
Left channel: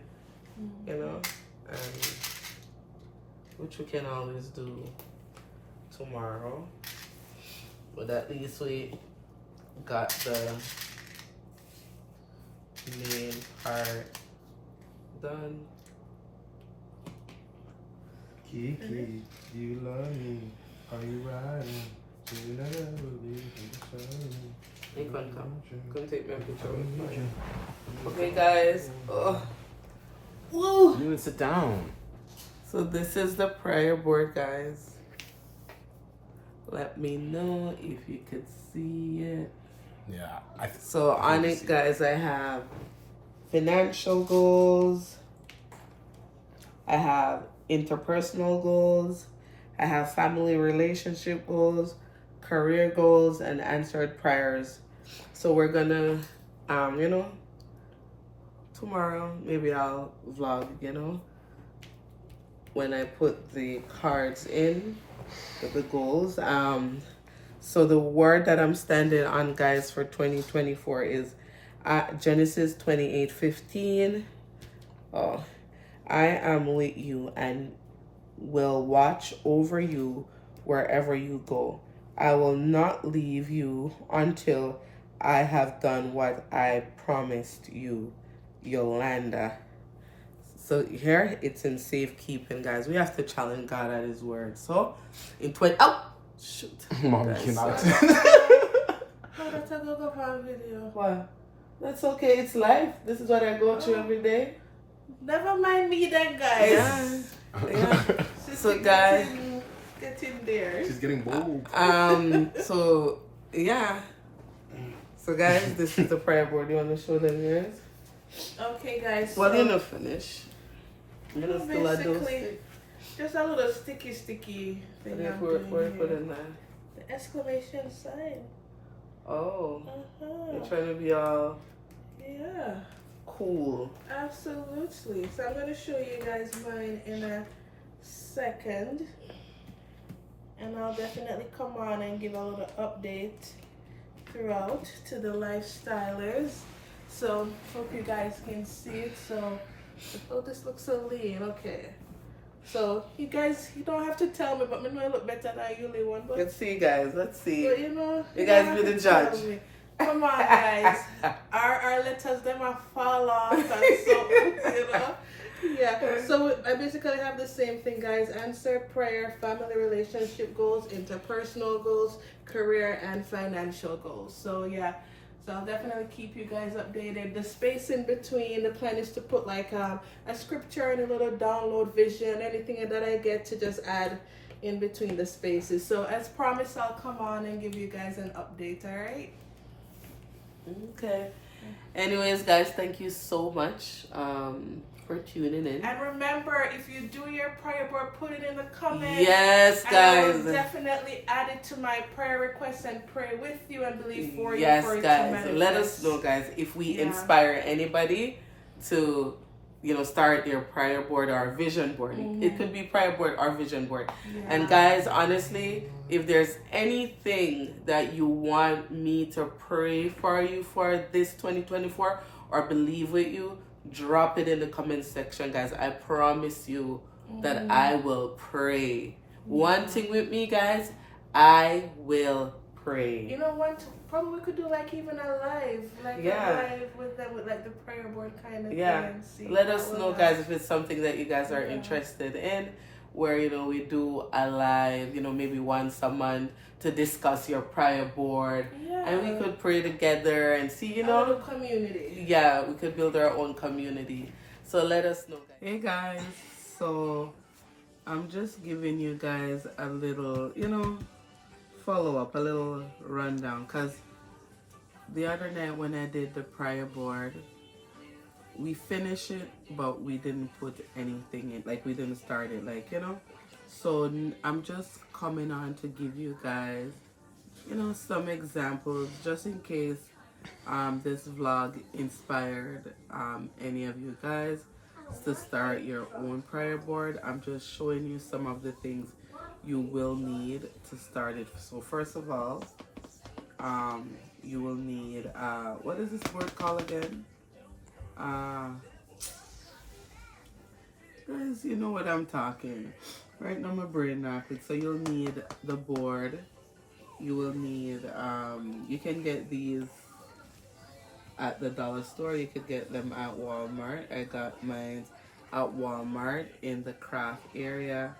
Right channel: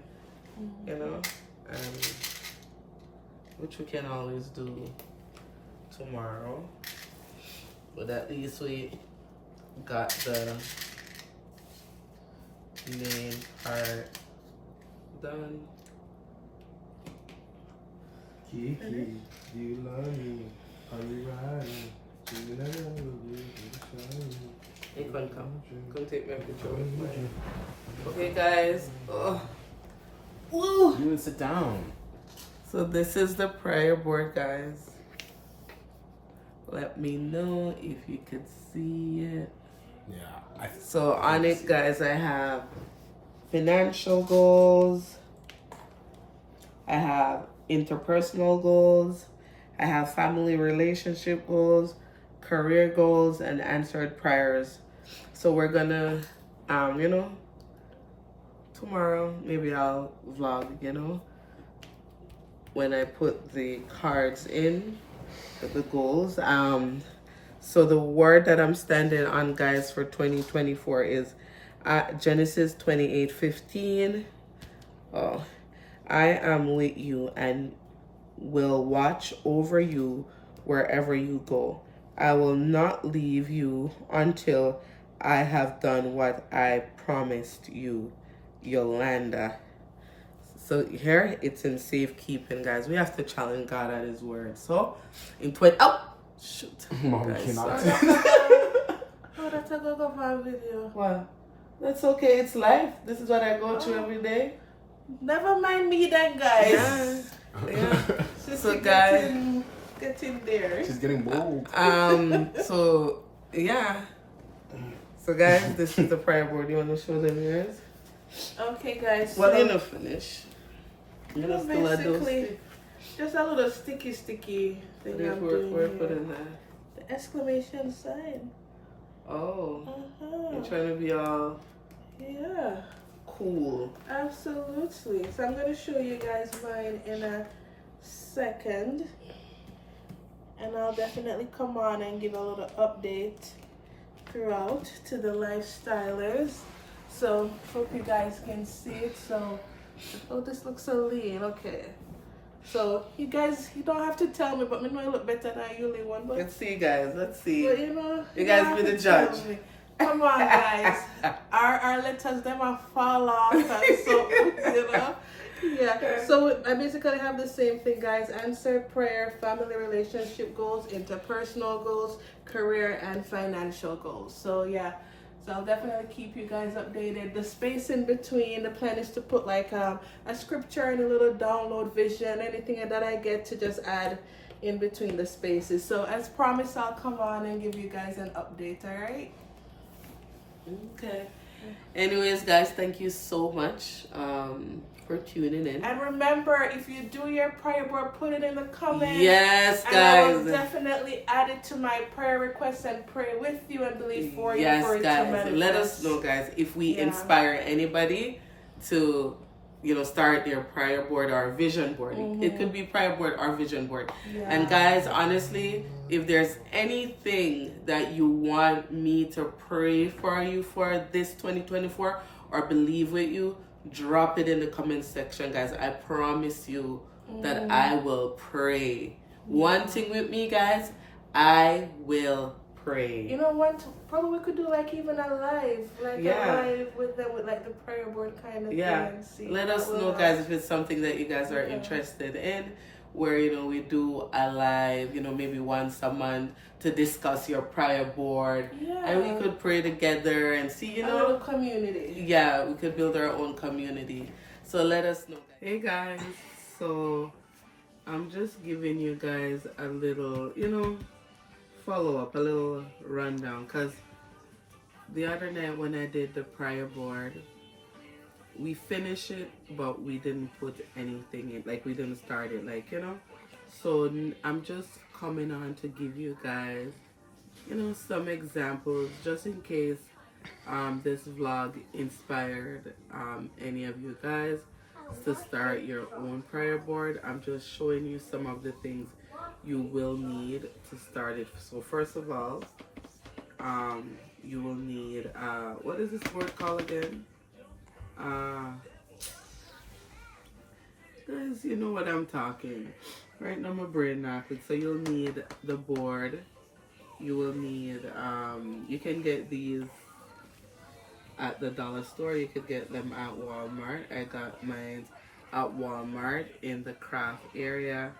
which we can always do tomorrow. But at least we got the main part done. Kiki, you love me. Are you riding? Do you love me? You can come take my picture with me. Okay, guys. Oh. Woo! You didn't sit down. So this is the prayer board, guys. Let me know if you could see it. Yeah. So on it, guys, I have financial goals. I have interpersonal goals. I have family relationship goals, career goals, and answered prayers. So we're gonna, tomorrow maybe I'll vlog, when I put the cards in with the goals. So the word that I'm standing on, guys, for 2024 is Genesis 28:15. Oh, I am with you and will watch over you wherever you go. I will not leave you until I have done what I promised you, Yolanda. So here it's in safekeeping, guys. We have to challenge God at His word. So in shoot, Mom, guys. you're not. Oh, that's a go for a video. What? That's okay. It's life. This is what I go through every day. Never mind me then, guys. Yeah. So guys, get in there. She's getting bold. So yeah. So guys, this is the prayer board. You want to show them yours? Okay, guys. Well, so you're not finished. You're not still a basically, just a little sticky thing I'm doing We're here. putting that. The exclamation sign. Oh, Uh-huh. you're trying to be all Yeah. cool. Absolutely. So I'm going to show you guys mine in a second. And I'll definitely come on and give a little update throughout to the lifestylers. So hope you guys can see it. So, oh, this looks so lean. Okay. So you guys, you don't have to tell me, but me know I look better than you, one. But Let's see, guys. Let's see. But You guys don't be the have to tell judge. me. Come on, guys. our letters them are fall off and so Yeah. So I basically have the same thing, guys. Answered prayer, family relationship goals, interpersonal goals, career and financial goals. So yeah. So I'll definitely keep you guys updated. The space in between, the plan is to put like a scripture and a little download vision, anything that I get to just add in between the spaces. So as promised, I'll come on and give you guys an update, all right? Okay. Anyways, guys, thank you so much for tuning in. And remember, if you do your prayer board, put it in the comments. Yes, And I will guys. definitely add it to my prayer requests and pray with you and believe for you. Yes, For it to guys. manifest. Let us know, guys, if we Yeah. inspire anybody to, start their prayer board or vision board. It could be prayer board or vision board. Yeah. And guys, honestly, if there's anything that you want me to pray for you for this 2024 or believe with you, drop it in the comment section, guys. I promise you that I will pray. One thing with me, guys, I will pray. You know what? Probably we could do like even a live, Yeah. a live with them with like the prayer board kind of Yeah. thing. And see Let how us we'll know, go. guys, if it's something that you guys are Yeah. interested in, where we do a live, maybe once a month to discuss your prayer board, Yeah. and we could pray together and see, a little community. yeah, we could build our own community. So let us know, guys. Hey guys, so I'm just giving you guys a little, follow up, a little rundown, because the other night when I did the prayer board, we finished it, but we didn't put anything in, like we didn't start it, So I'm just coming on to give you guys, some examples, just in case this vlog inspired any of you guys to start your own prayer board. I'm just showing you some of the things you will need to start it. So first of all, you will need, what is this word called again? Guys, you know what I'm talking. Right now my brain not it. So you'll need the board. You will need, you can get these at the dollar store. You could get them at Walmart. I got mine at Walmart in the craft area.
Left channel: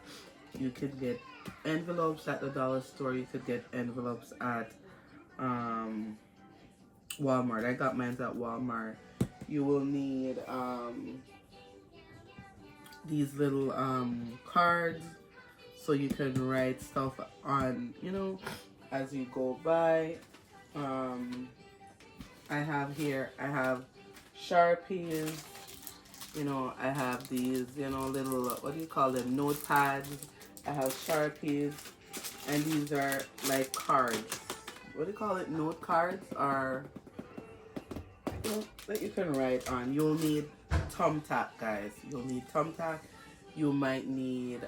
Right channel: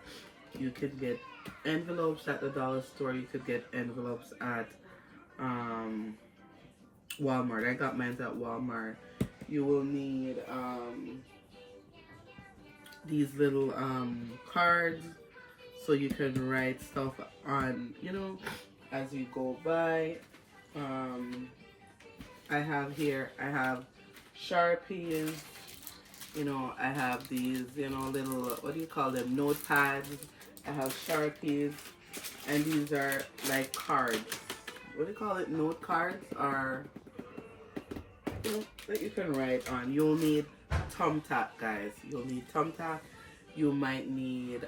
You could get envelopes at the dollar store. You could get envelopes at Walmart. I got mine at Walmart. You will need these little cards. so you can write stuff on, you know, as you go by. I have Sharpies, you know, I have these, you know, little, what do you call them, notepads. I have Sharpies, and these are like cards. What do you call it, note cards, or, you know, that you can write on. You'll need thumbtack, guys. You'll need thumbtack. You might need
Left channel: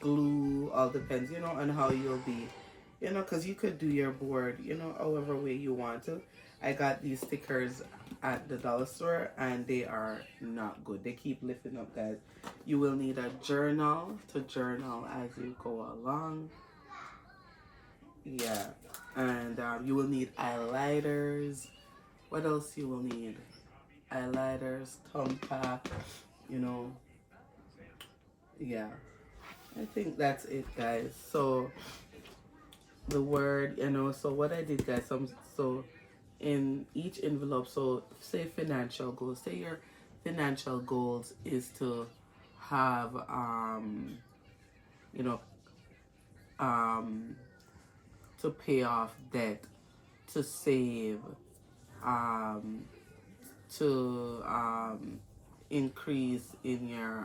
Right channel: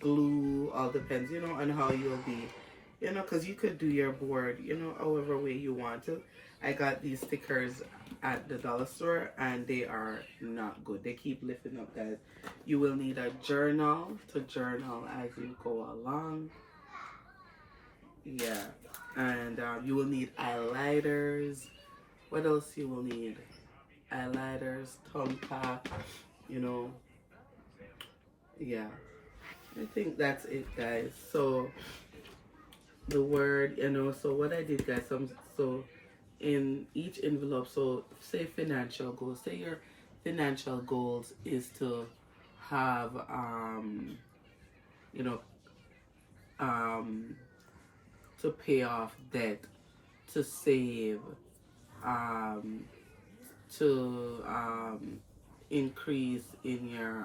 glue, all depends, you know, on how you'll be, you know, because you could do your board, you know, however way you want to. I got these stickers at the dollar store, and they are not good. They keep lifting up, guys. You will need a journal to journal as you go along. Yeah, and you will need highlighters. What else you will need? Highlighters, thumbtack, you know. Yeah, I think that's it, guys. So the word, you know, so what I did, guys, so in each envelope, so say financial goals, say your financial goals is to have you know, to pay off debt, to save, to increase in your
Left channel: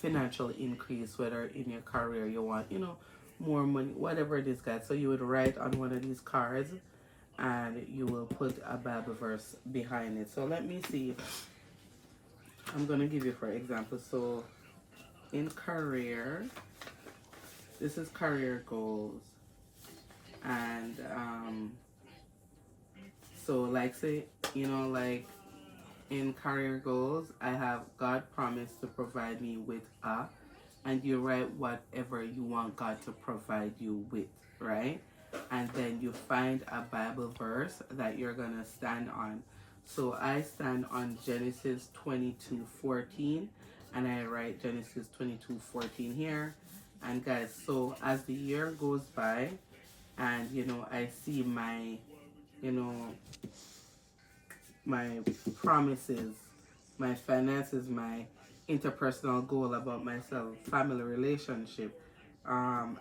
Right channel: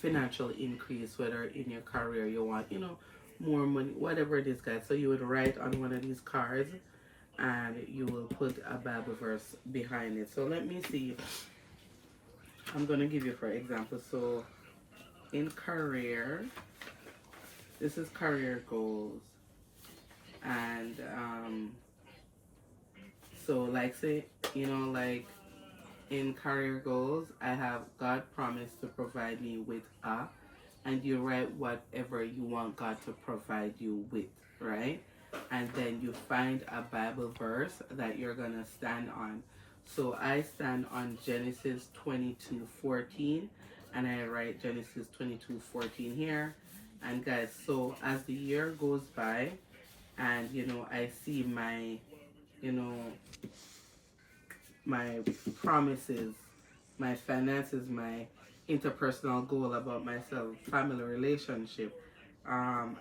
financial increase, whether in your career you want, you know, more money, whatever it is, guys. So you would write on one of these cards, and you will put a Bible verse behind it. So let me see. I'm going to give you, for example, so in career, this is career goals. And so like, say, you know, like in career goals, I have God promised to provide me with a, and you write whatever you want God to provide you with, right? And then you find a Bible verse that you're gonna stand on. So I stand on Genesis 22:14, and I write Genesis 22:14 here. And guys, so as the year goes by, and you know, I see my, you know, my promises, my finances, my interpersonal goal about myself, family relationship,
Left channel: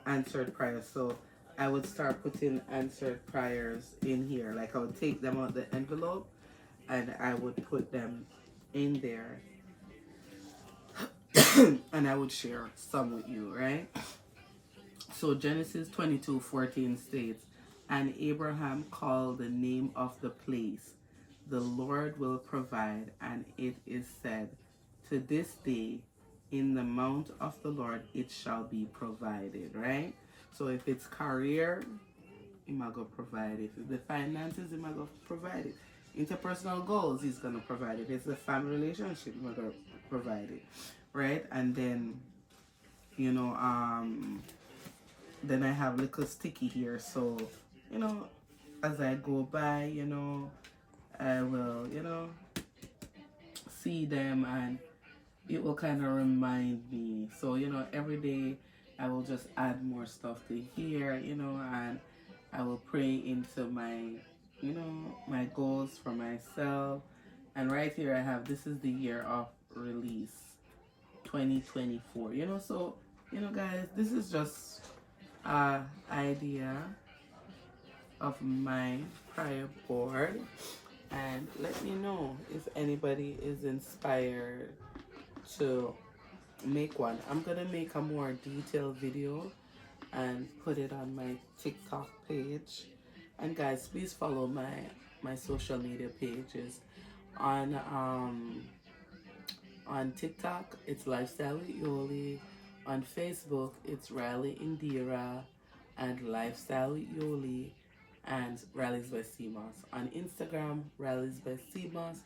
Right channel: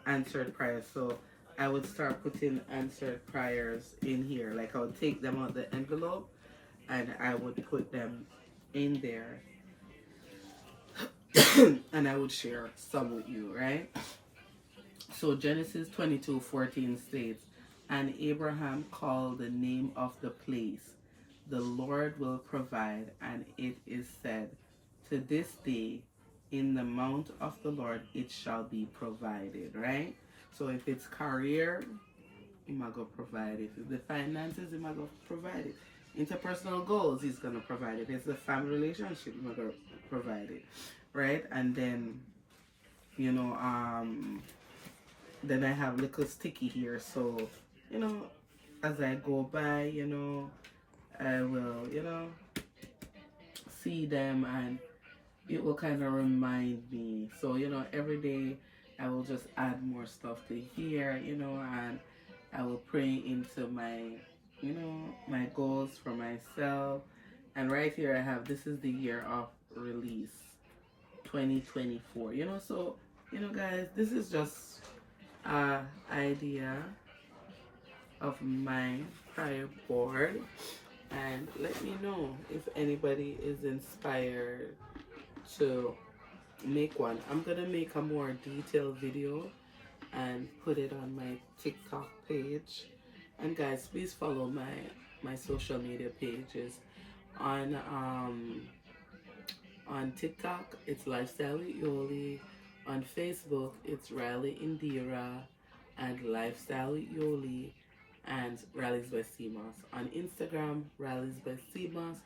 answered prayers. So I would start putting answered prayers in here. Like I would take them out the envelope, and I would put them in there. And I would share some with you, right? So Genesis 22:14 states, and Abraham called the name of the place, the Lord will provide, and it is said, to this day, in the mount of the Lord it shall be provided, right? So if it's career, he might go provide it. If the finances, he might go provide it. Interpersonal goals, he's gonna provide it. If it's a family relationship, he might go provide it, right? And then, you know, then I have little sticky here, so, you know, as I go by, you know, I will, you know, see them, and it will kind of remind me. So, you know, every day I will just add more stuff to here, you know, and I will pray into my, you know, my goals for myself. And right here I have, this is the year of release, 2024, you know. So, you know, guys, this is just an idea of my prayer board. And let me know if anybody is inspired to make one. I'm gonna make a more detailed video and put it on my TikTok page. And guys, please follow my social media pages. On TikTok, it's Lifestyle with Yoli. On Facebook, it's Riley Indira and Lifestyle with Yoli and Rallies by CMOS. On Instagram, Rallies by CMOS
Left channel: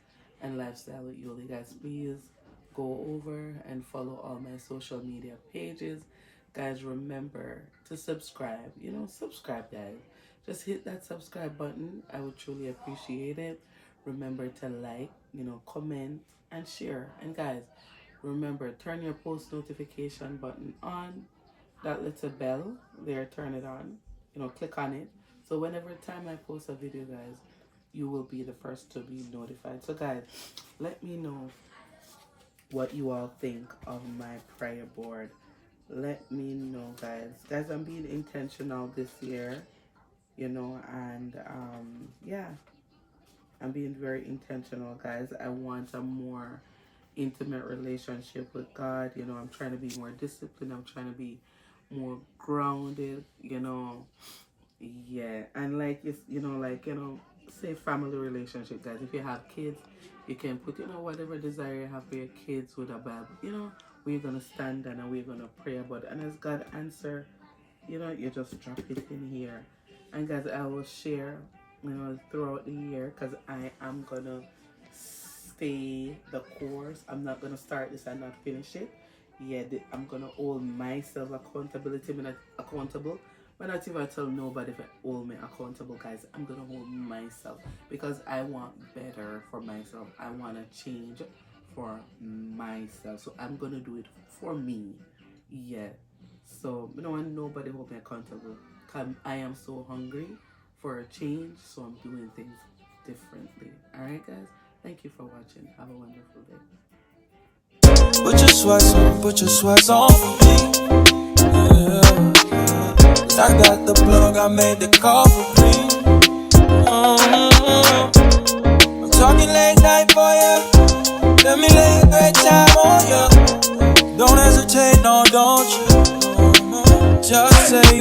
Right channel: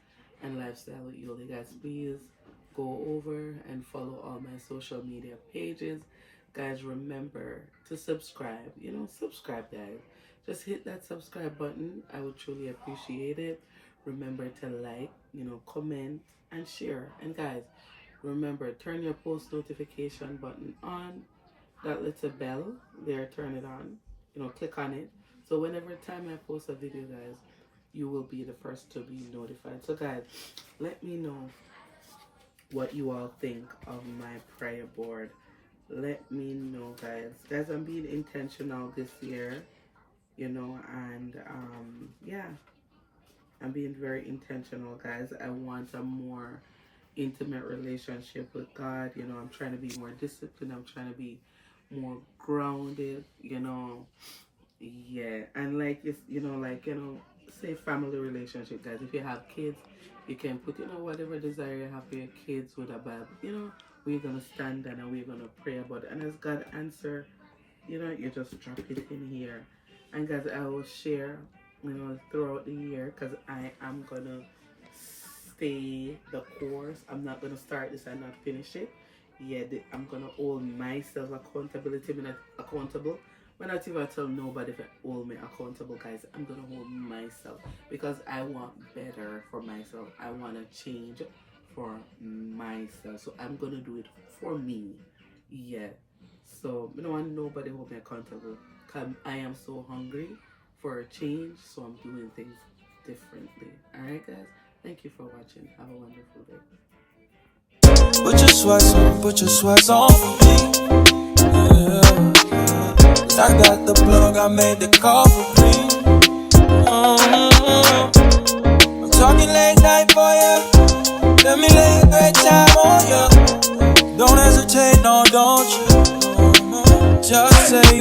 and Lifestyle with Yoli. Guys, please go over and follow all my social media pages. Guys, remember to subscribe. You know, subscribe, guys. Just hit that subscribe button. I would truly appreciate it. Remember to like, you know, comment and share. And guys, remember, turn your post notification button on. That little bell there, turn it on. You know, click on it. So whenever time I post a video, guys, you will be the first to be notified. So guys, let me know what you all think of my prayer board. let me know, guys. Guys, I'm being intentional this year, you know, and yeah, I'm being very intentional, guys. I want a more intimate relationship with God. You know, I'm trying to be more disciplined. I'm trying to be more grounded, you know. Yeah, and like it's, you know, like, you know, say family relationship, guys. If you have kids, you can put, you know, whatever desire you have for your kids with a Bible. You know, we're gonna stand down and we're gonna pray about it. And as God answer, you know, you just drop it in here. And guys, I will share, you know, throughout the year, because I am gonna stay the course. I'm not gonna start this and not finish it. Yeah, I'm gonna hold myself accountability. I'm not accountable. But not even tell nobody if I hold me accountable, guys. I'm gonna hold myself because I want better for myself. I wanna change for myself. So I'm gonna do it for me. Yeah. So I don't want nobody hold me accountable. Cause I am so hungry for a change. So I'm doing things differently. Alright, guys. Thank you for watching. Have a wonderful day. Put your sweats on for me. Yeah. I got the plug, I made the call for free. I'm talking late night for ya. Let me lay a great time on ya. Don't hesitate, no, don't you? Just say